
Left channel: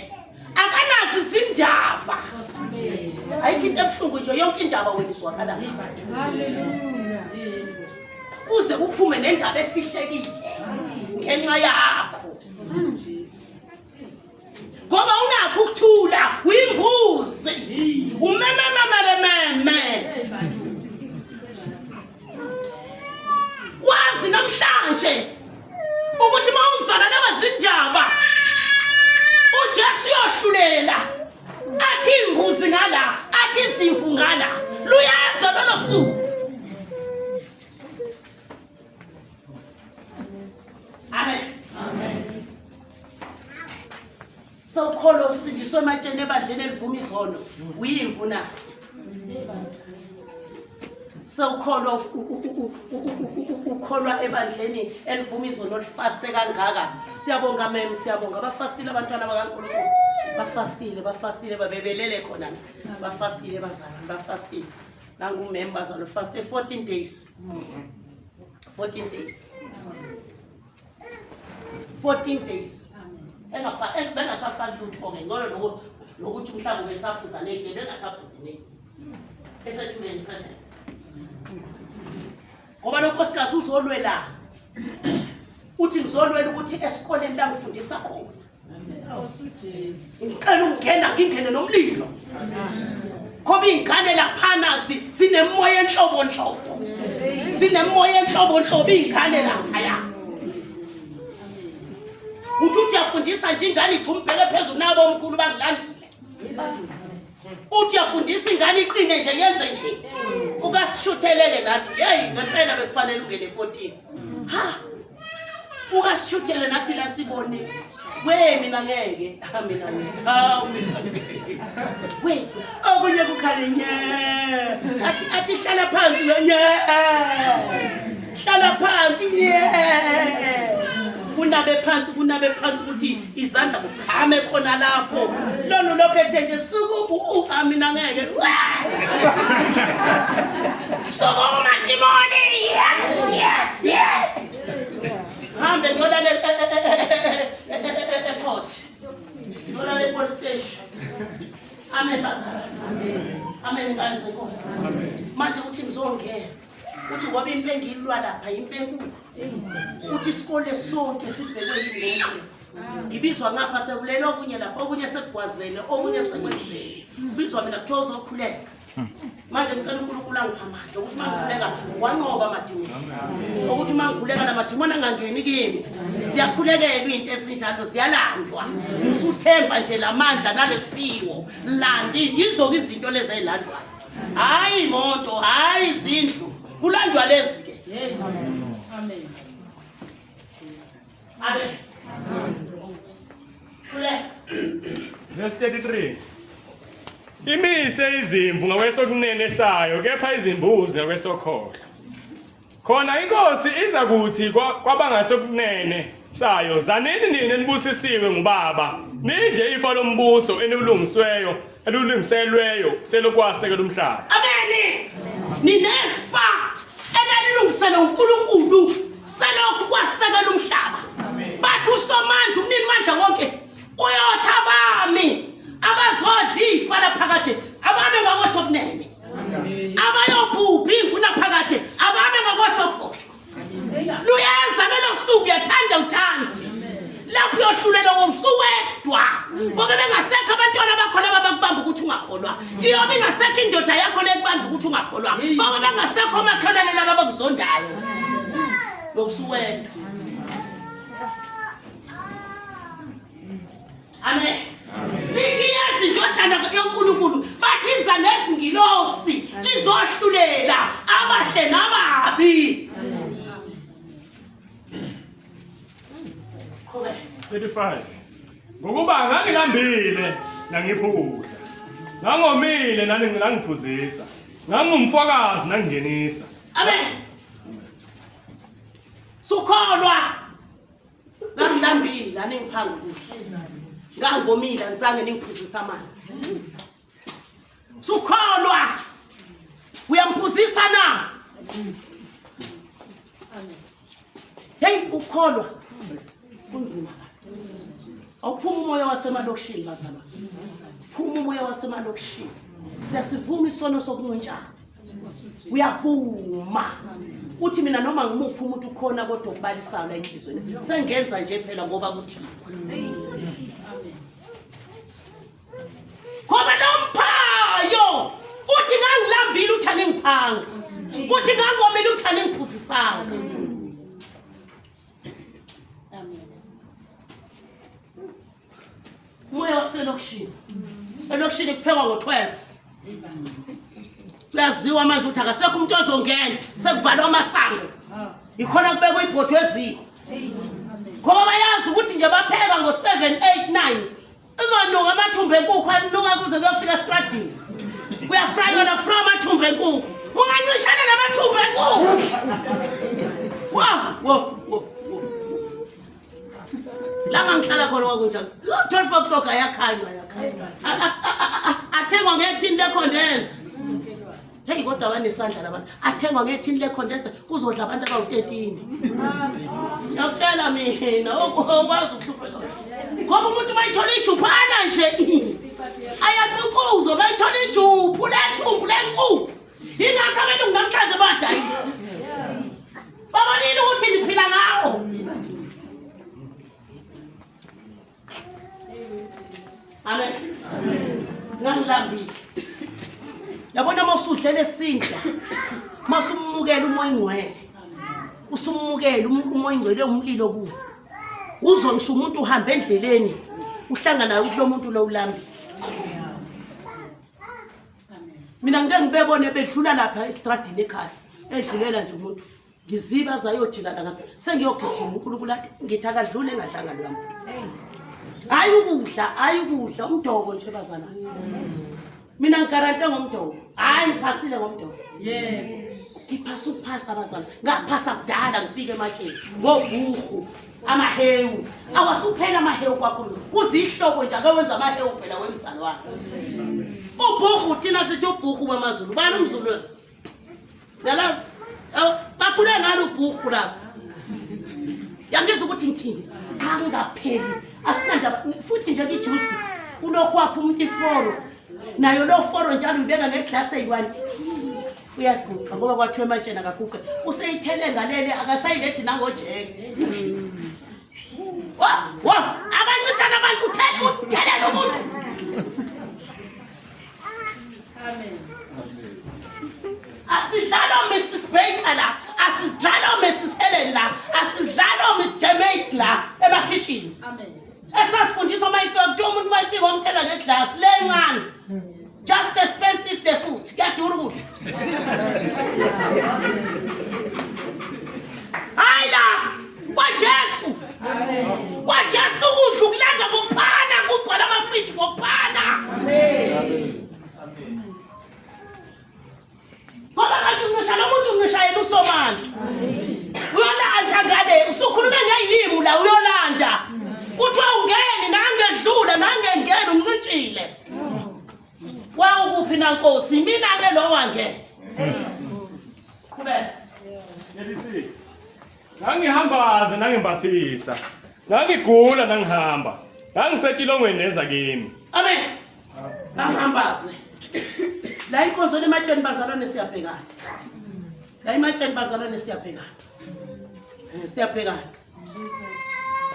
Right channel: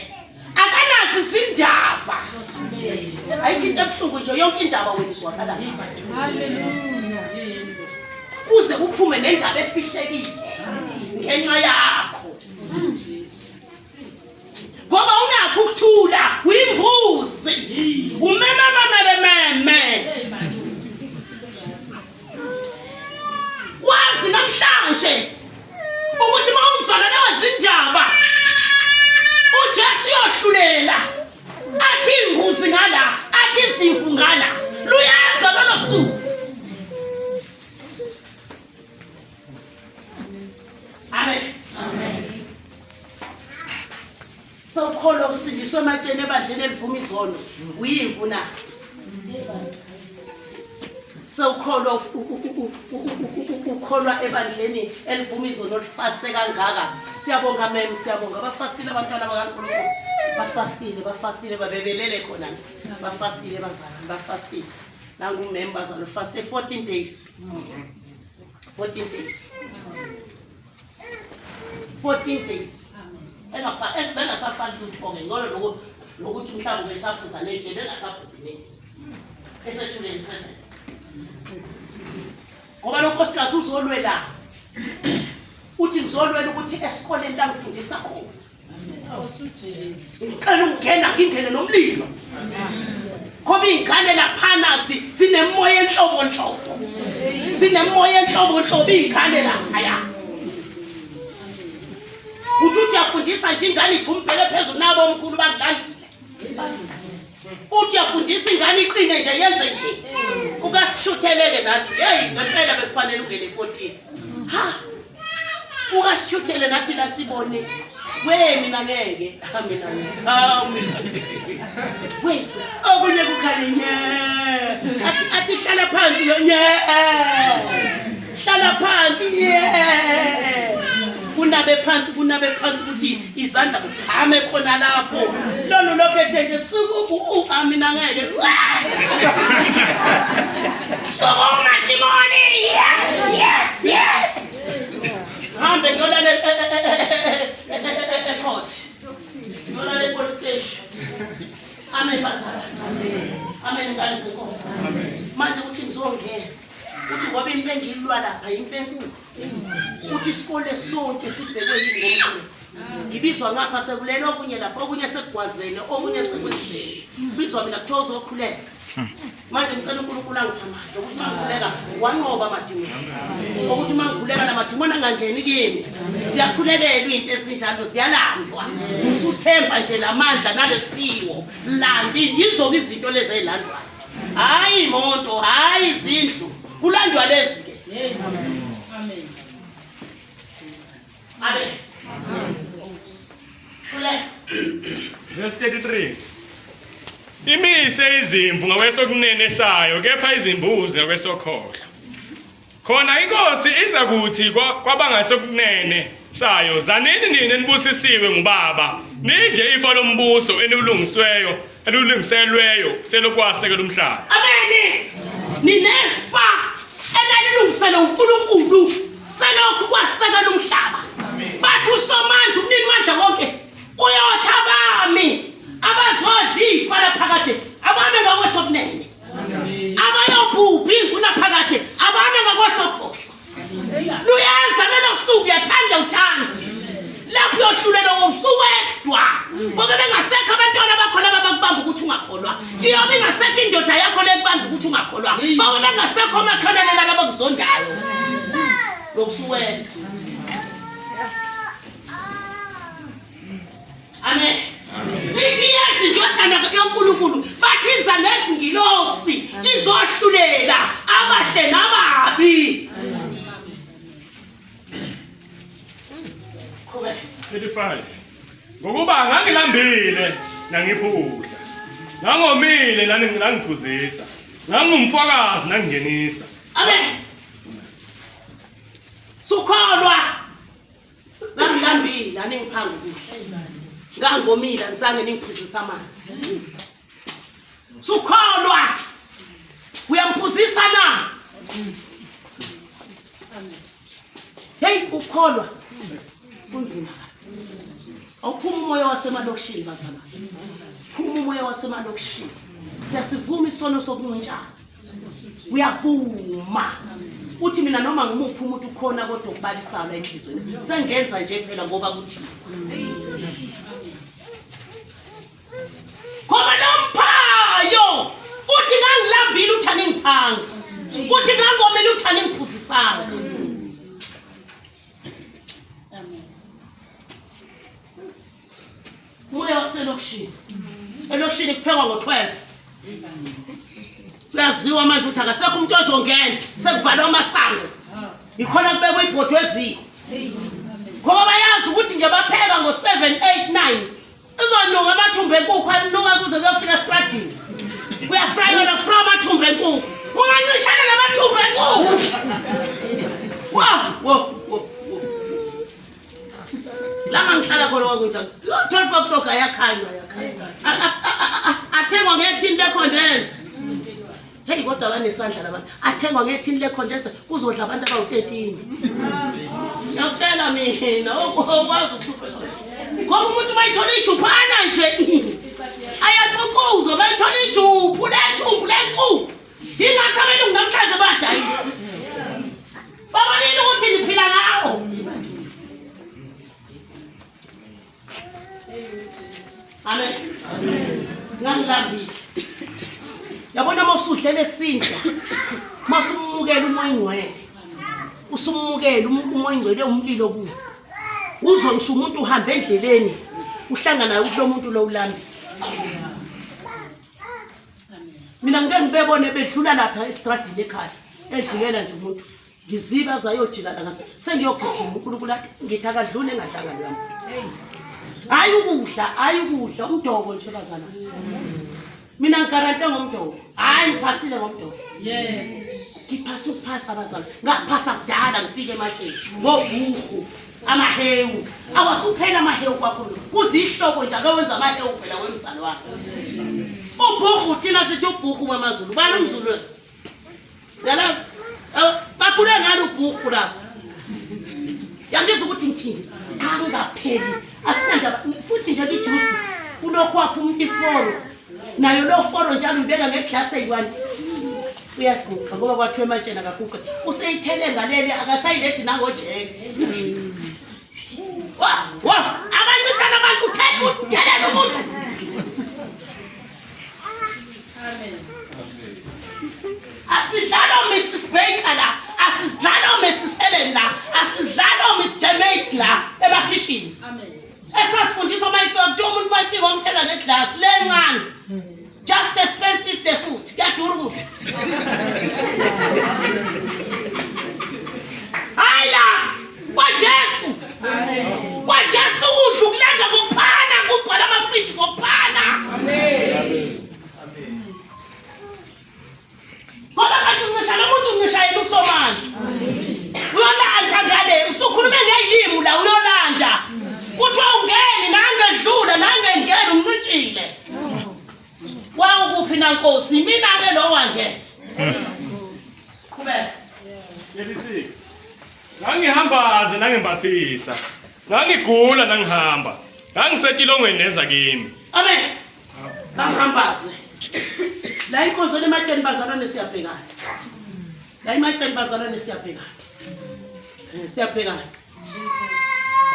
akanazi izindaba ayikho into ebuhlungu nje yonke indaba wena izwakala Hallelujah. kuze kuphume nendaba efihlekile ngenxa yakho ngoba unakho ukuthula uyimbuzi umememememe wazi namhlanje ukuthi mawumzalwane wezindaba uJesu yohlulela athi imbuzi ngala athi izimvu ngala luyaza lolo suku amen amen sawukholwa usindiswe ematsheni ebandleni elivuma izono uyimvu na sawukholwa ukholwa ebandleni elivuma izono lifaste kangaka siyabonga mem siyabonga abafastile abantwana bakaNkulunkulu bafastile babebelele khona bafastile bazalwane bafastile nangu members alo faste 14 days 14 days bengasafaki lutho ngengcono nokuthi mhlawumbe besaphuza nendle bengasaphuzi nendle esethuleni sese ngoba lo nkosikazi uzolwela uthi ngizolwela ukuthi esikoleni la ngifundisa khona ngicela ungena ngingene nomlilo ngoba ingane laphana sinemoya enhlobonhlobo sinemoya enhlobonhlobo ingane lapha ya uthi uyafundisa nje ingane ichumbele phezulu nabo omkhulu bangilandile uthi uyafundisa ingane iqine nje yenze nje ukasishutheleke nathi hey ngempela bekufanele ungene 14 ha ukasishuthele nathi la sibone we mina ngeke mina we okunye kukhale nye athi hlala phansi nye hlala phansi nye kunabe phansi ukuthi izandla kuphame khona lapho lolu lokhethe nje suku mina ngeke sokoma demoni yeah hambe ngiyolala court ngiyolala police station amen bazala amen ngale senkosi manje uthi ngizongena uthi ngoba into engilwa lapha into enkulu uthi isikole sonke sibhekwe yini ngibizwa ngapha sekulelo okunye lapha okunye sekugwazene okunye sekwenzile bizwa mina kuthiwa uzokhuleka manje ngicela uNkulunkulu angiphamandla ukuthi mangikhuleka wanqoba amadimoni ukuthi mangikhuleka lamadimoni angangeni kimi siyakhulekelwa into esinjalo siyalandwa ngisuthemba nje lamandla nalesiphiwo landi yizo izinto lezi ezilandwayo hayi imoto hayi izindlu kulandwa lezi ke amen amen kule verse 33 imise izimvu ngakwesokunene sayo kepha izimbuzi ngakwesokhohlo khona inkosi iza kuthi kwabangasokunene sayo zanini nini nibusisiwe ngubaba nidle ifa lombuso elulungiselweyo selokwasekela umhlaba amen ninefa elilungiselwe uNkulunkulu selokhu kwasekela umhlaba bathi usomandla umnini mandla konke uyotha bami abazodla ifa laphakade abame ngakwesokunene abayobhubha inguna phakade abame ngakwesokhohlo luyaza lelo suku yathanda uthandi lapho uyahlulela ngosuwedwa ngoba bengasekho abantwana bakhona abakubamba ukuthi ungakholwa iyobe ingasekho indoda yakho lekubamba ukuthi ungakholwa ngoba bengasekho amakholane laba abakuzondayo ngosuwedwa amen lithi yezi indodana yoNkulunkulu bathiza nezingilosi izohlulela abahle nababi 35 ngokuba ngangilambile nangiphula ngangomile nangiphuzisa ngangumfakazi nangingenisa amen sukholwa ngangilambile aningiphanga ukudla ngangomila ngisange ningiphuzisa amanzi sukholwa uyamphuzisa na hey ukholwa kunzima awuphuma umoya wasemalokishini bazalwane phuma umoya wasemalokishini siyasivuma isono sokuncintshana uyavuma uthi mina noma ngimuphi umuntu ukhona kodwa ukubalisayo la enhlizweni sengenza nje phela ngoba kuthi ngoba lomphayo uthi ngangilambile uthi aningiphanga uthi ngangomile uthi aningiphuzisanga moya waselokishini elokishini kuphekwa ngo-12 uyaziwa manje ukuthi akasekho umuntu ozongena sekuvalwa amasango ikhona kubekwa ibhotho eziko ngoba bayazi ukuthi nje bapheka ngo-7, 8, 9 izonuka amathumbu enkukhu anuka kuze kuyofika estradini kuyafraywa nakufraywa amathumbu enkukhu ungancishana namathumbu enkukhu wo langa ngihlala khona kwakunjani 12 o'clock ayakhanywa athengwa ngethini lecondense hey kodwa banesandla labantu athengwa ngethini lecondense kuzodla abantu abawu-13 ngiyakutshela mina okwazi ukuhlupheka ngoba umuntu bayithola ijuphana nje ayacucuzwa bayithola ijuphu lethumbu lenkukhu ingakho abelungu namhlanje badayisa babonile ukuthi niphila ngawo amen ngangilambile yabona mawusudlela esinda masumukela umoya ingcwele usumukela umoya ingcwele umlilo kuwo uzwe ngisho umuntu uhamba endleleni uhlangana naye kulo muntu lo ulambi mina ngeke ngibebone bedlula lapha estradini ekhaya edlulela nje umuntu ngiziba zayojika la ngase sengiyogijima uNkulunkulu athi ngithi akadlule engahlangani lamuntu hayi ukudla umdoko nje bazana mina ngigarante ngomdoko hayi ngiphasile ngomdoko ngiphasa ukuphasa abazana ngaphasa kudala ngifike ematsheni ngobuhu amahewu awasuphela amahewu kwakhulu kuzihloko nje akawenza amahewu phela wemzalo wakhe ubuhu thina sithi ubuhu wemazulu bani umzulu yala bakhule ngalo ubuhu lapho yangizwa ukuthi ngithini angapheli asinandaba futhi nje ijuice kulokho wakho umuntu iforo nayo lo foro njalo ubeka ngeglass eyi1 uyaguqa ngoba kwathiwe ematsheni akaguqe useyithele ngaleli akasayilethi nangojeke wa abancithana abantu uthelela umuntu asidlala Mrs. Baker la asidlala Mrs. Helen la asidlala Miss Jamaica la ebakhishini esasifundisa uma ifika kuthiwa umuntu uma ifika omthela ngeglass lencane just expensive the food kuyadura ukudla hayi la kwaJesu ukudla ukulanda ngokuphana kugcwala amafriji ngokuphana ngoba kanti uncisha lo muntu uncishayela usomandla uyolanda ngale usukhulume ngeyilimi la uyolanda kuthiwa ungeni nangedlula nangengena umncintshile wawukuphi na Nkosi mina ke lo wange kubeka 36 ngangihambaze nangimbathisa ngangigula nangihamba ngangisetilongweni neza kimi amen bangihambaze la inkonzo lematsheni bazalwane siyabhekana la imatsheni bazalwane siyabhekana siyabhekana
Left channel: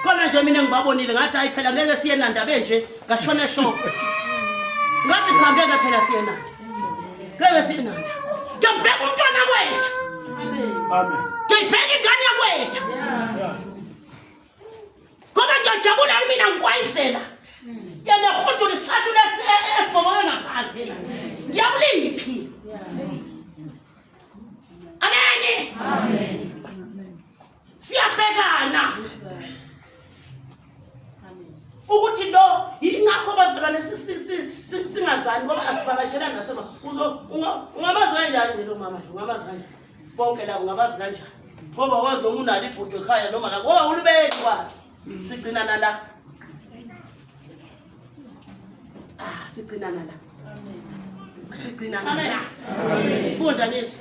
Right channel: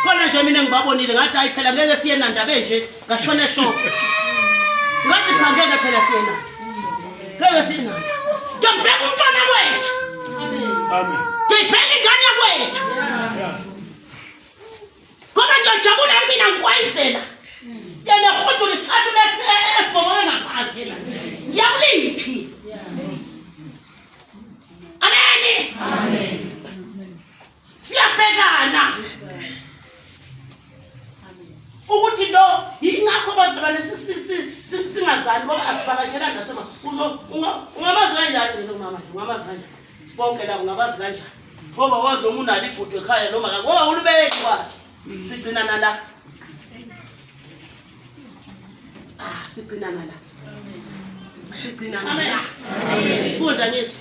khona nje mina ngibabonile ngathi hayi phela ngeke siye nandaba nje ngashona shop ngathi cha ngeke phela siye nanda ngeke siye nanda ngibheka umntwana wethu amen ngibheka ingane yakwethu ngoba ngiyajabula mina ngikwayisela yena khuthu lesikhathu lesibhokwe ngaphansi ngiyakuliphi amen siyabhekana ukuthi lo ingakho bazalwane singazani ngoba asivakashela ndasema ungabazi kanjani lo mama ungabazi kanjani bonke la ungabazi kanjani ngoba wazi noma unali ibhutho ekhaya noma ngoba ulibeki kwakhe sigcina nala sigcina nala sigcina nala funda ngiso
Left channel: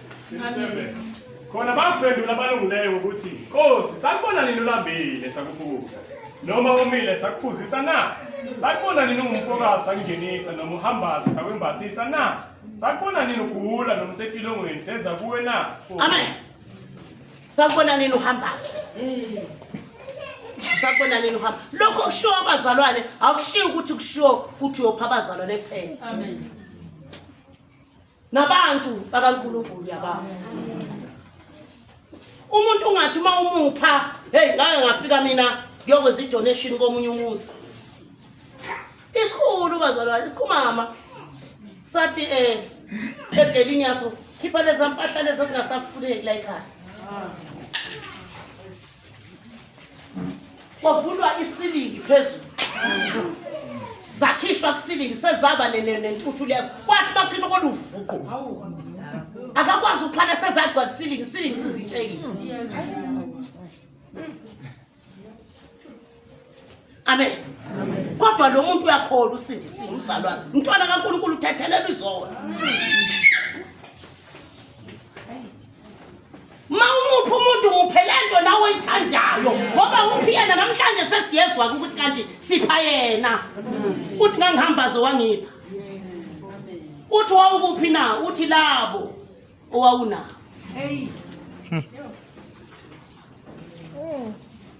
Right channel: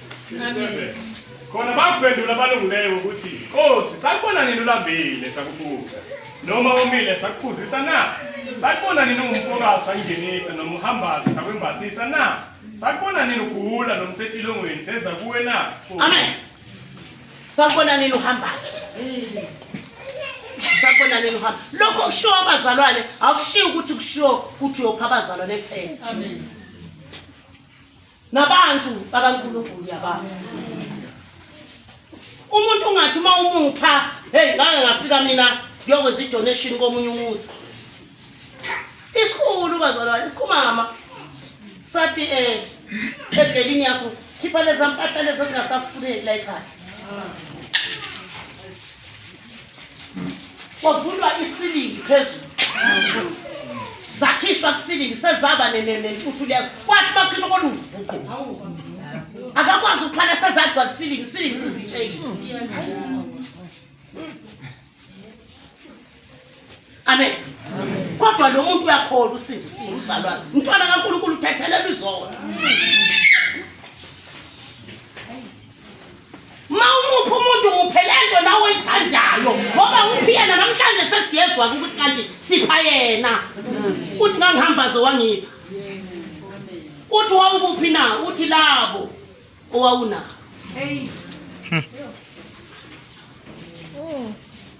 khona bakuphendula abalungileyo ukuthi Nkosi sakubona nini ulambile sakubuza noma umile sakuphuzisa na sakubona nini umfokazi sangenisa noma uhambaza sakwembathisa na sakubona nini ugula noma usetilongweni senza kuwe na amen sakubona nini uhambaza sakubona nini uhamba lokho kushiwo abazalwane akushiwo ukuthi kushiwo ukuthi uyopha abazalwane kuphela Amen. nabantu bakaNkulunkulu yababo umuntu ungathi uma umupha hey ngake ngafika mina ngiyokwenza idonation komunye umuzi isikhulu bazalwane isikhumama sathi egelini yaso khipha leza mpahla leza zingasafuneki la ekhaya kwavulwa isilingi phezulu zakhishwa kusilingi sezaba nentuthu leyo kwathi bakhishwa koluvuqo akakwazi ukuphana sezagcwa kusilingi sizitshekile amen kodwa lo muntu uyakholwa usindisiwe umzalwane umntwana kaNkulunkulu uthethelelwa izona mawumupha umuntu muphelento nawe oyithandayo ngoba uphi yena namhlanje sesiyezwa ukuthi kanti sipha yena uthi ngangihambaze wangipha uthi wawukuphi na uthi labo owawuna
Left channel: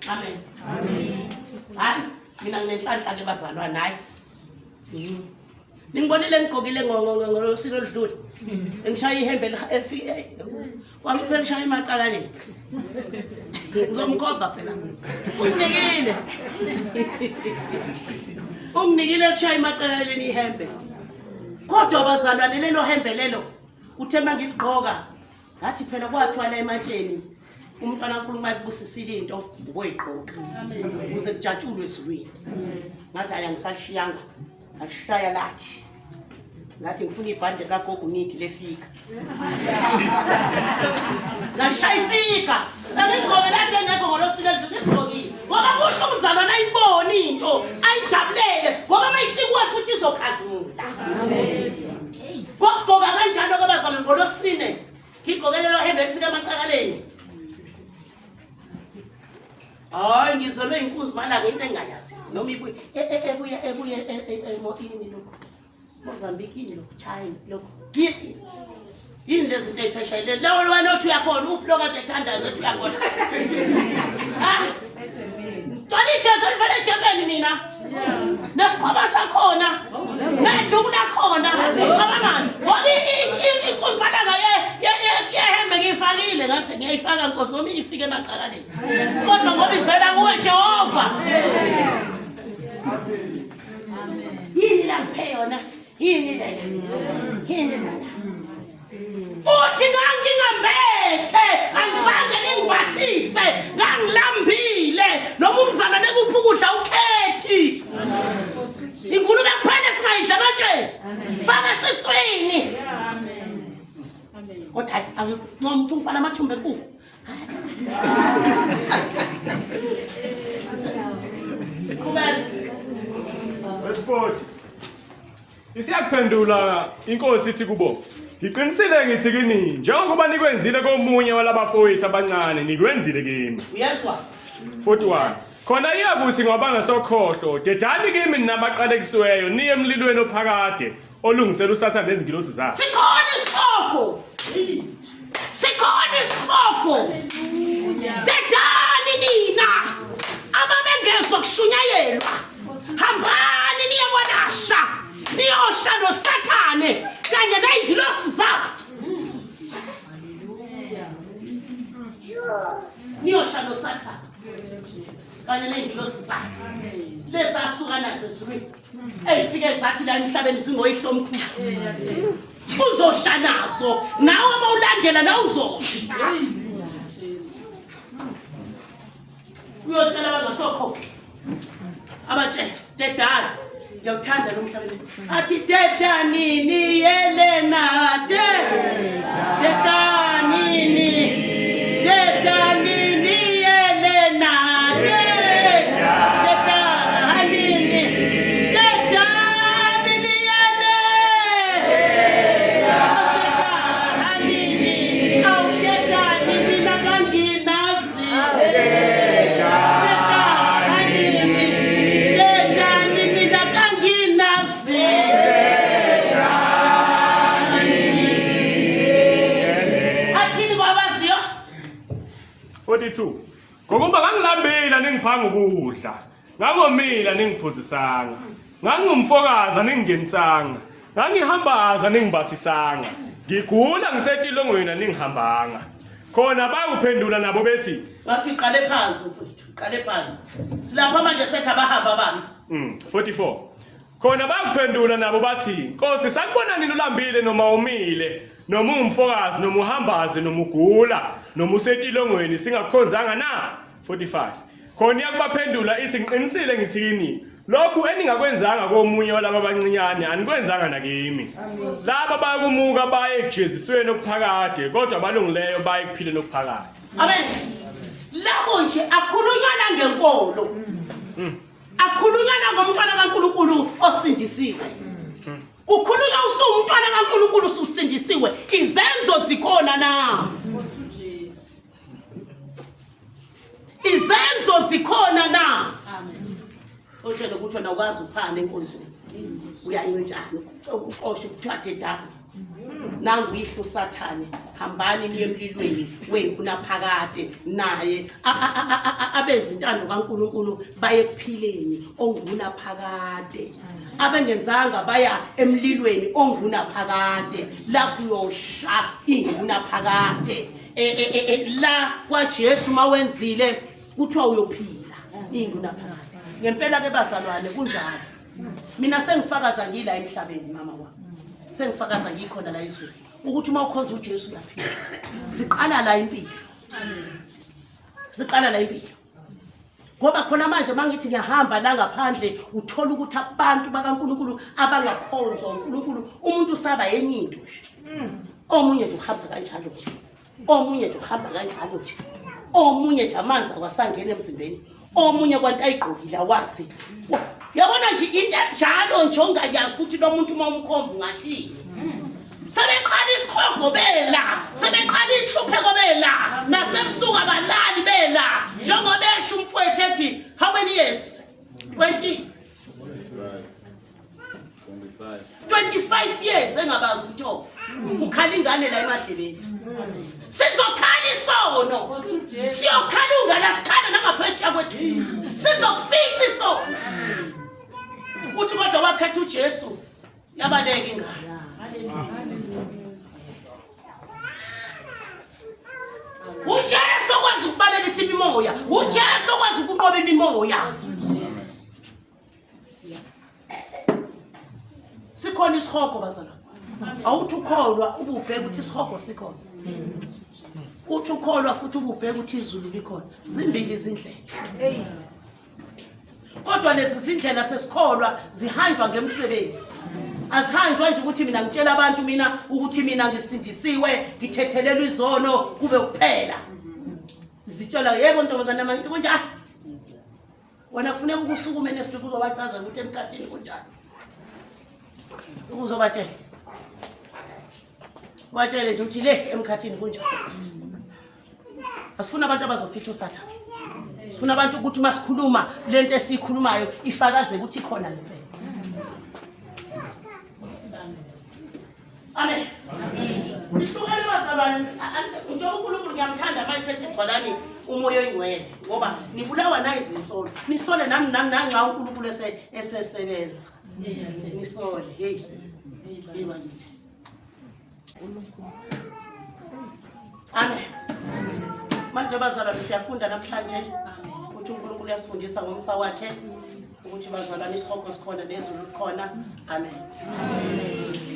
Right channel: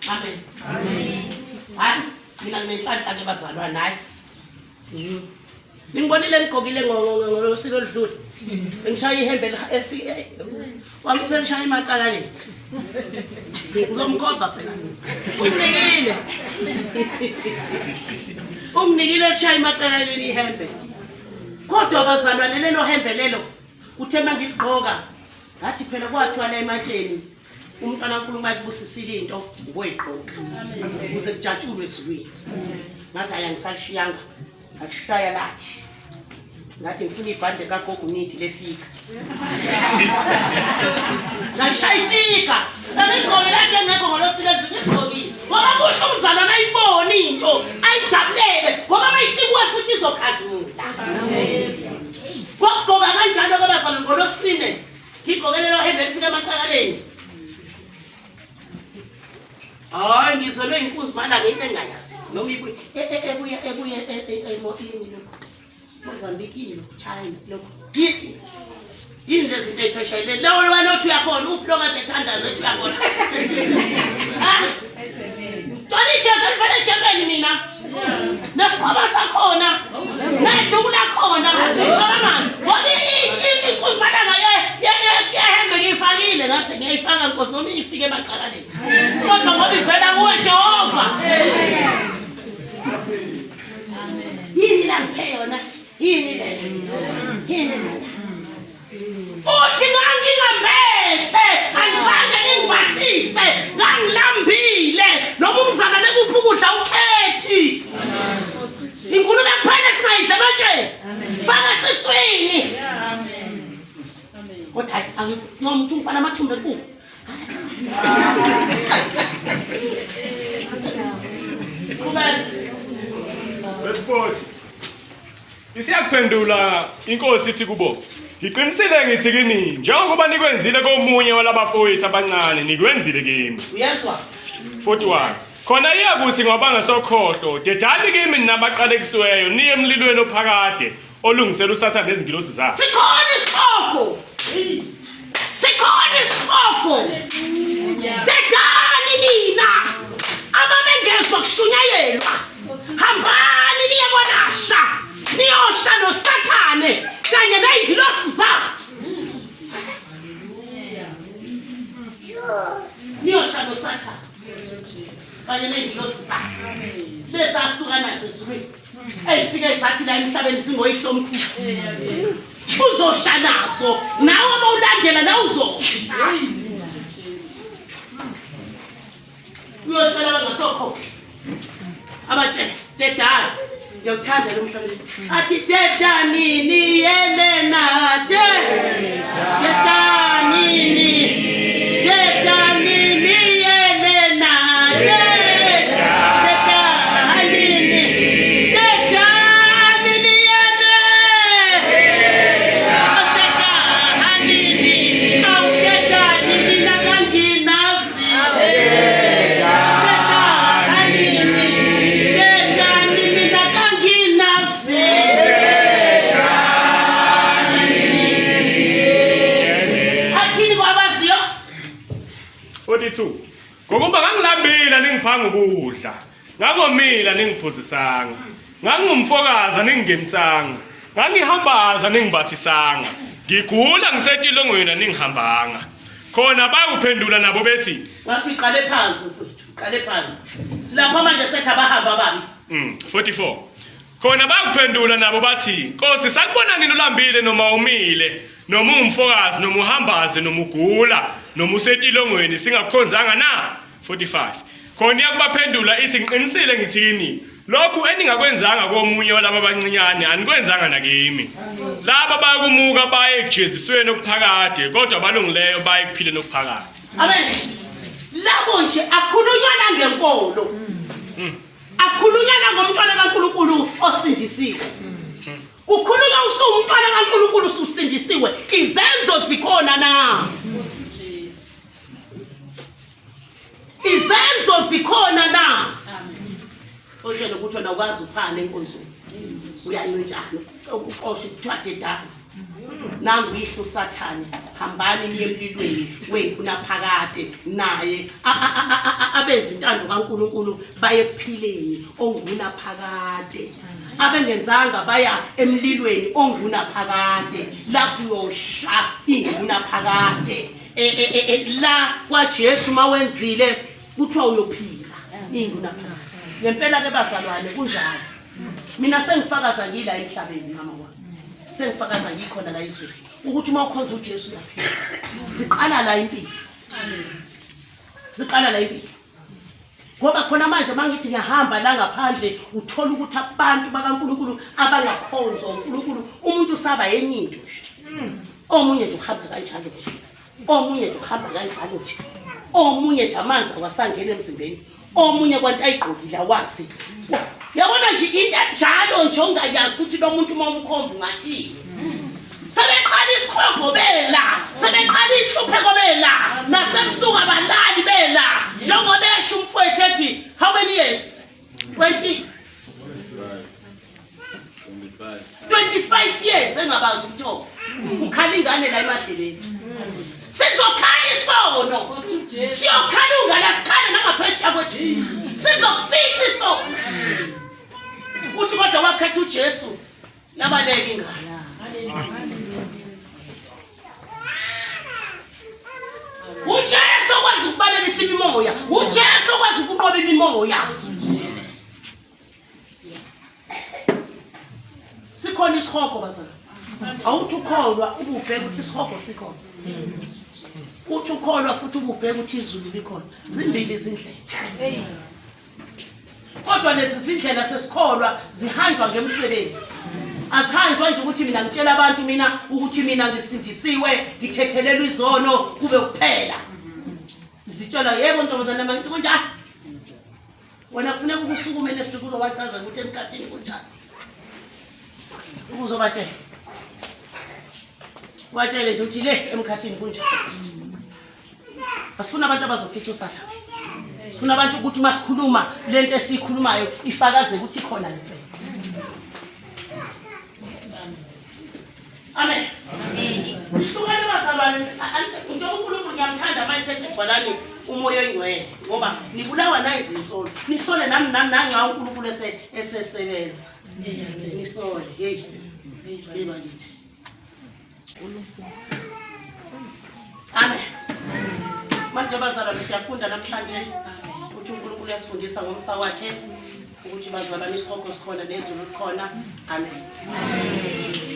amen hayi mina nginenhlanhla ke bazalwane hayi ningibonile ngigqokile ngolosiko oludlule ngishaya ihembe wangiphe lishaya emaqakaleni ngizomkhomba phela unginikile lishaya emaqakaleni ihembe kodwa bazalwane lelo hembe lelo uthe mangiligqoka ngathi phela kwathiwa la ematsheni umntwana kaNkulunkulu ayibusisile into ngoyigqoka ukuze kujatshulwe ezulwini ngathi ayangisalishiyanga ngashaya lathi ngathi ngifuna ibhande kagogo nithi lefika ngashaya ifika ngigqoke lathi engekho ngolosile ngigqokile ngoba kusho umzalwane ayiboni into ayijabulele ngoba mayisikuwe futhi izokhazimula ngokugqoka kanjalo kabazalwane ngolosine ngigqokelelo hembe lifika emaqakaleni hayi ngizolwe inkunzi mala ngento engayazi noma ebuya emotini lokho Mozambique lokho China lokho yini lezi zinto ezipheshayile lawo wena othi uyakhona uploka ethanda zethu uyakhona Tolithe selifane ejemeni mina nesikhwama sakhona neduku lakhona abangani ngoba inkunzi mala yehembe ngifakile ngathi ngiyayifaka Nkosi noma ifike emaqakaleni kodwa ngoba ivela kuwe Jehova yini la ngiphe yona yini le uthi ngangingambethe angifake ngingibathise ngangilambile noma umzalwane kuphi ukudla ukhethi inkulumo kuphela singayidla ematsheni faka siswini kodwa akunomuntu ungifana amathumbe enkukhu Let's isiyaphendula inkosi ithi kubo ngiqinisile ngithi kini njengoba nikwenzile komunye walabafowethu abancane nikwenzile kimi uyezwa 41 khona iyakuthi ngoba ngasokhohlo dedani kimi nabaqalekisiweyo niye emlilweni ophakade olungisela usatha nezingilosi zakhe sikhona isikhoko dedani nina ababengezwa kushunyayelwa hambani niye kwanasha niyosha noSathane kanye nezingilosi zakhe niyosha noSathane kanye nezingilosi zakhe besasuka nazo ezulwini eyifike zathi la emhlabeni singoyihlo omkhulu uzosha nazo nawe mawulandela la uzosha uyotshela bangasokhokho abatshela dedala ngiyawuthanda lo mhlabeni athi dedanini Yelena dedanini Yelena 2. Ngokuba ngangilambile ningiphanga ukudla, ngangomila ningiphuzisanga, ngangumfokaza ningingenisanga, ngangihambaza ningibathisanga, ngigula ngisetilongweni ningihambanga. Khona bayuphendula nabo bethi Ngathi qale phansi mfowethu, qale phansi. Silapha manje sethu abahamba babi. 44. Khona bayuphendula nabo bathi Nkosi sakubona nini ulambile noma umile, noma ungumfokazi noma uhambaze noma ugula, noma usetilongweni singakukhonzanga na. 45. Khona iyakubaphendula isinqinisile ngithini, lokhu eningakwenzanga komunye walabo abancinyane anikwenzanga nakimi. Laba bayakumuka baye ekujezisweni okuphakade, kodwa balungileyo baye kuphileni okuphakade. Amen. Labo nje akhulunyana ngenkolo. Akhulunyana ngomntwana kaNkulunkulu osindisiwe. Kukhulunywa usumntwana kaNkulunkulu usindisiwe, izenzo zikhona na. Izenzo zikhona na. Osho ukuthi wena ukwazi uphana enkonzweni. Uyanyenjani uqoshe kuthiwa dedani. Nangu ihlo Sathane, hambani niye emlilweni wenkuna phakade naye abenza intando kaNkulunkulu baye kuphileni onguna phakade. Abengenzanga baya emlilweni onguna phakade la kuyosha inguna phakade. La kwaJesu mawenzile kuthiwa uyophila inguna phakade. Ngempela ke bazalwane kunjalo. Mina sengifakaza ngila emhlabeni mama wami. Sengifakaza ngikhona la izweni ukuthi uma ukhonza uJesu uyaphila. Siqala la impilo. Siqala la impilo. Ngoba khona manje mangithi ngiyahamba la ngaphandle uthola ukuthi abantu bakaNkulunkulu abangakhonza uNkulunkulu umuntu usaba yenye into. Omunye nje uhamba kanjalo nje. Omunye nje uhamba kanjalo nje. Omunye nje amanzi awasangena emzimbeni. Omunye kwanti ayigqokile awazi. Yabona nje into enjalo nje ongayazi ukuthi lo muntu uma umkhomba ngathi. Sebeqala isikhongo bela, sebeqala inhluphe kobela, nasebusuku abalali bela. Njengoba esho umfowethu ethi how many years? 20 25 years engabazi ukuthoba. Ukhala ingane la emadleleni. Sizokhala isono. Siyokhala ungala sikhala nangaphesheya kwethu. Sizokufika isono. Uthi kodwa wakhetha uJesu yabaleka ingane. uJesu okwazi ukubalekisa imimoya, uJesu okwazi ukuqoba imimoya. Sikhona isihogo bazana. Awuthi ukholwa ububheka ukuthi isihogo sikhona. Uthi ukholwa futhi ububheka ukuthi izulu likhona. Zimbili izindlela. Kodwa lezi zindlela sesikholwa zihanjwa ngemsebenzi. Asihanjwa nje ukuthi mina ngitshela abantu mina ukuthi mina ngisindisiwe, ngithethelelwe izono kube kuphela. Zitshela yebo ntombazana manje kunjani? Wena kufuneka ukusukume nesituku uzobachaza ukuthi emkhathini kunjani. Uzobatshela. Watshele nje ukuthi le emkhathini kunjani. Asifuna abantu abazofika uSathane. Sifuna abantu ukuthi masikhuluma lento esikhulumayo ifakaze ukuthi ikhona lempela. Amen. Uhlukane bazalwane, nje uNkulunkulu ngiyamthanda mayisethi bhalani umoya oyingcwele ngoba nibulawa na izinsolo. Nisole nami nanga uNkulunkulu esesebenza. Nisole, hey. Yiba ngithi. Amen. Manje bazalwane siyafunda namhlanje ukuthi uNkulunkulu uyasifundisa ngomsa wakhe ukuthi bazalwane isikhokho sikhona nezulu likhona. Amen.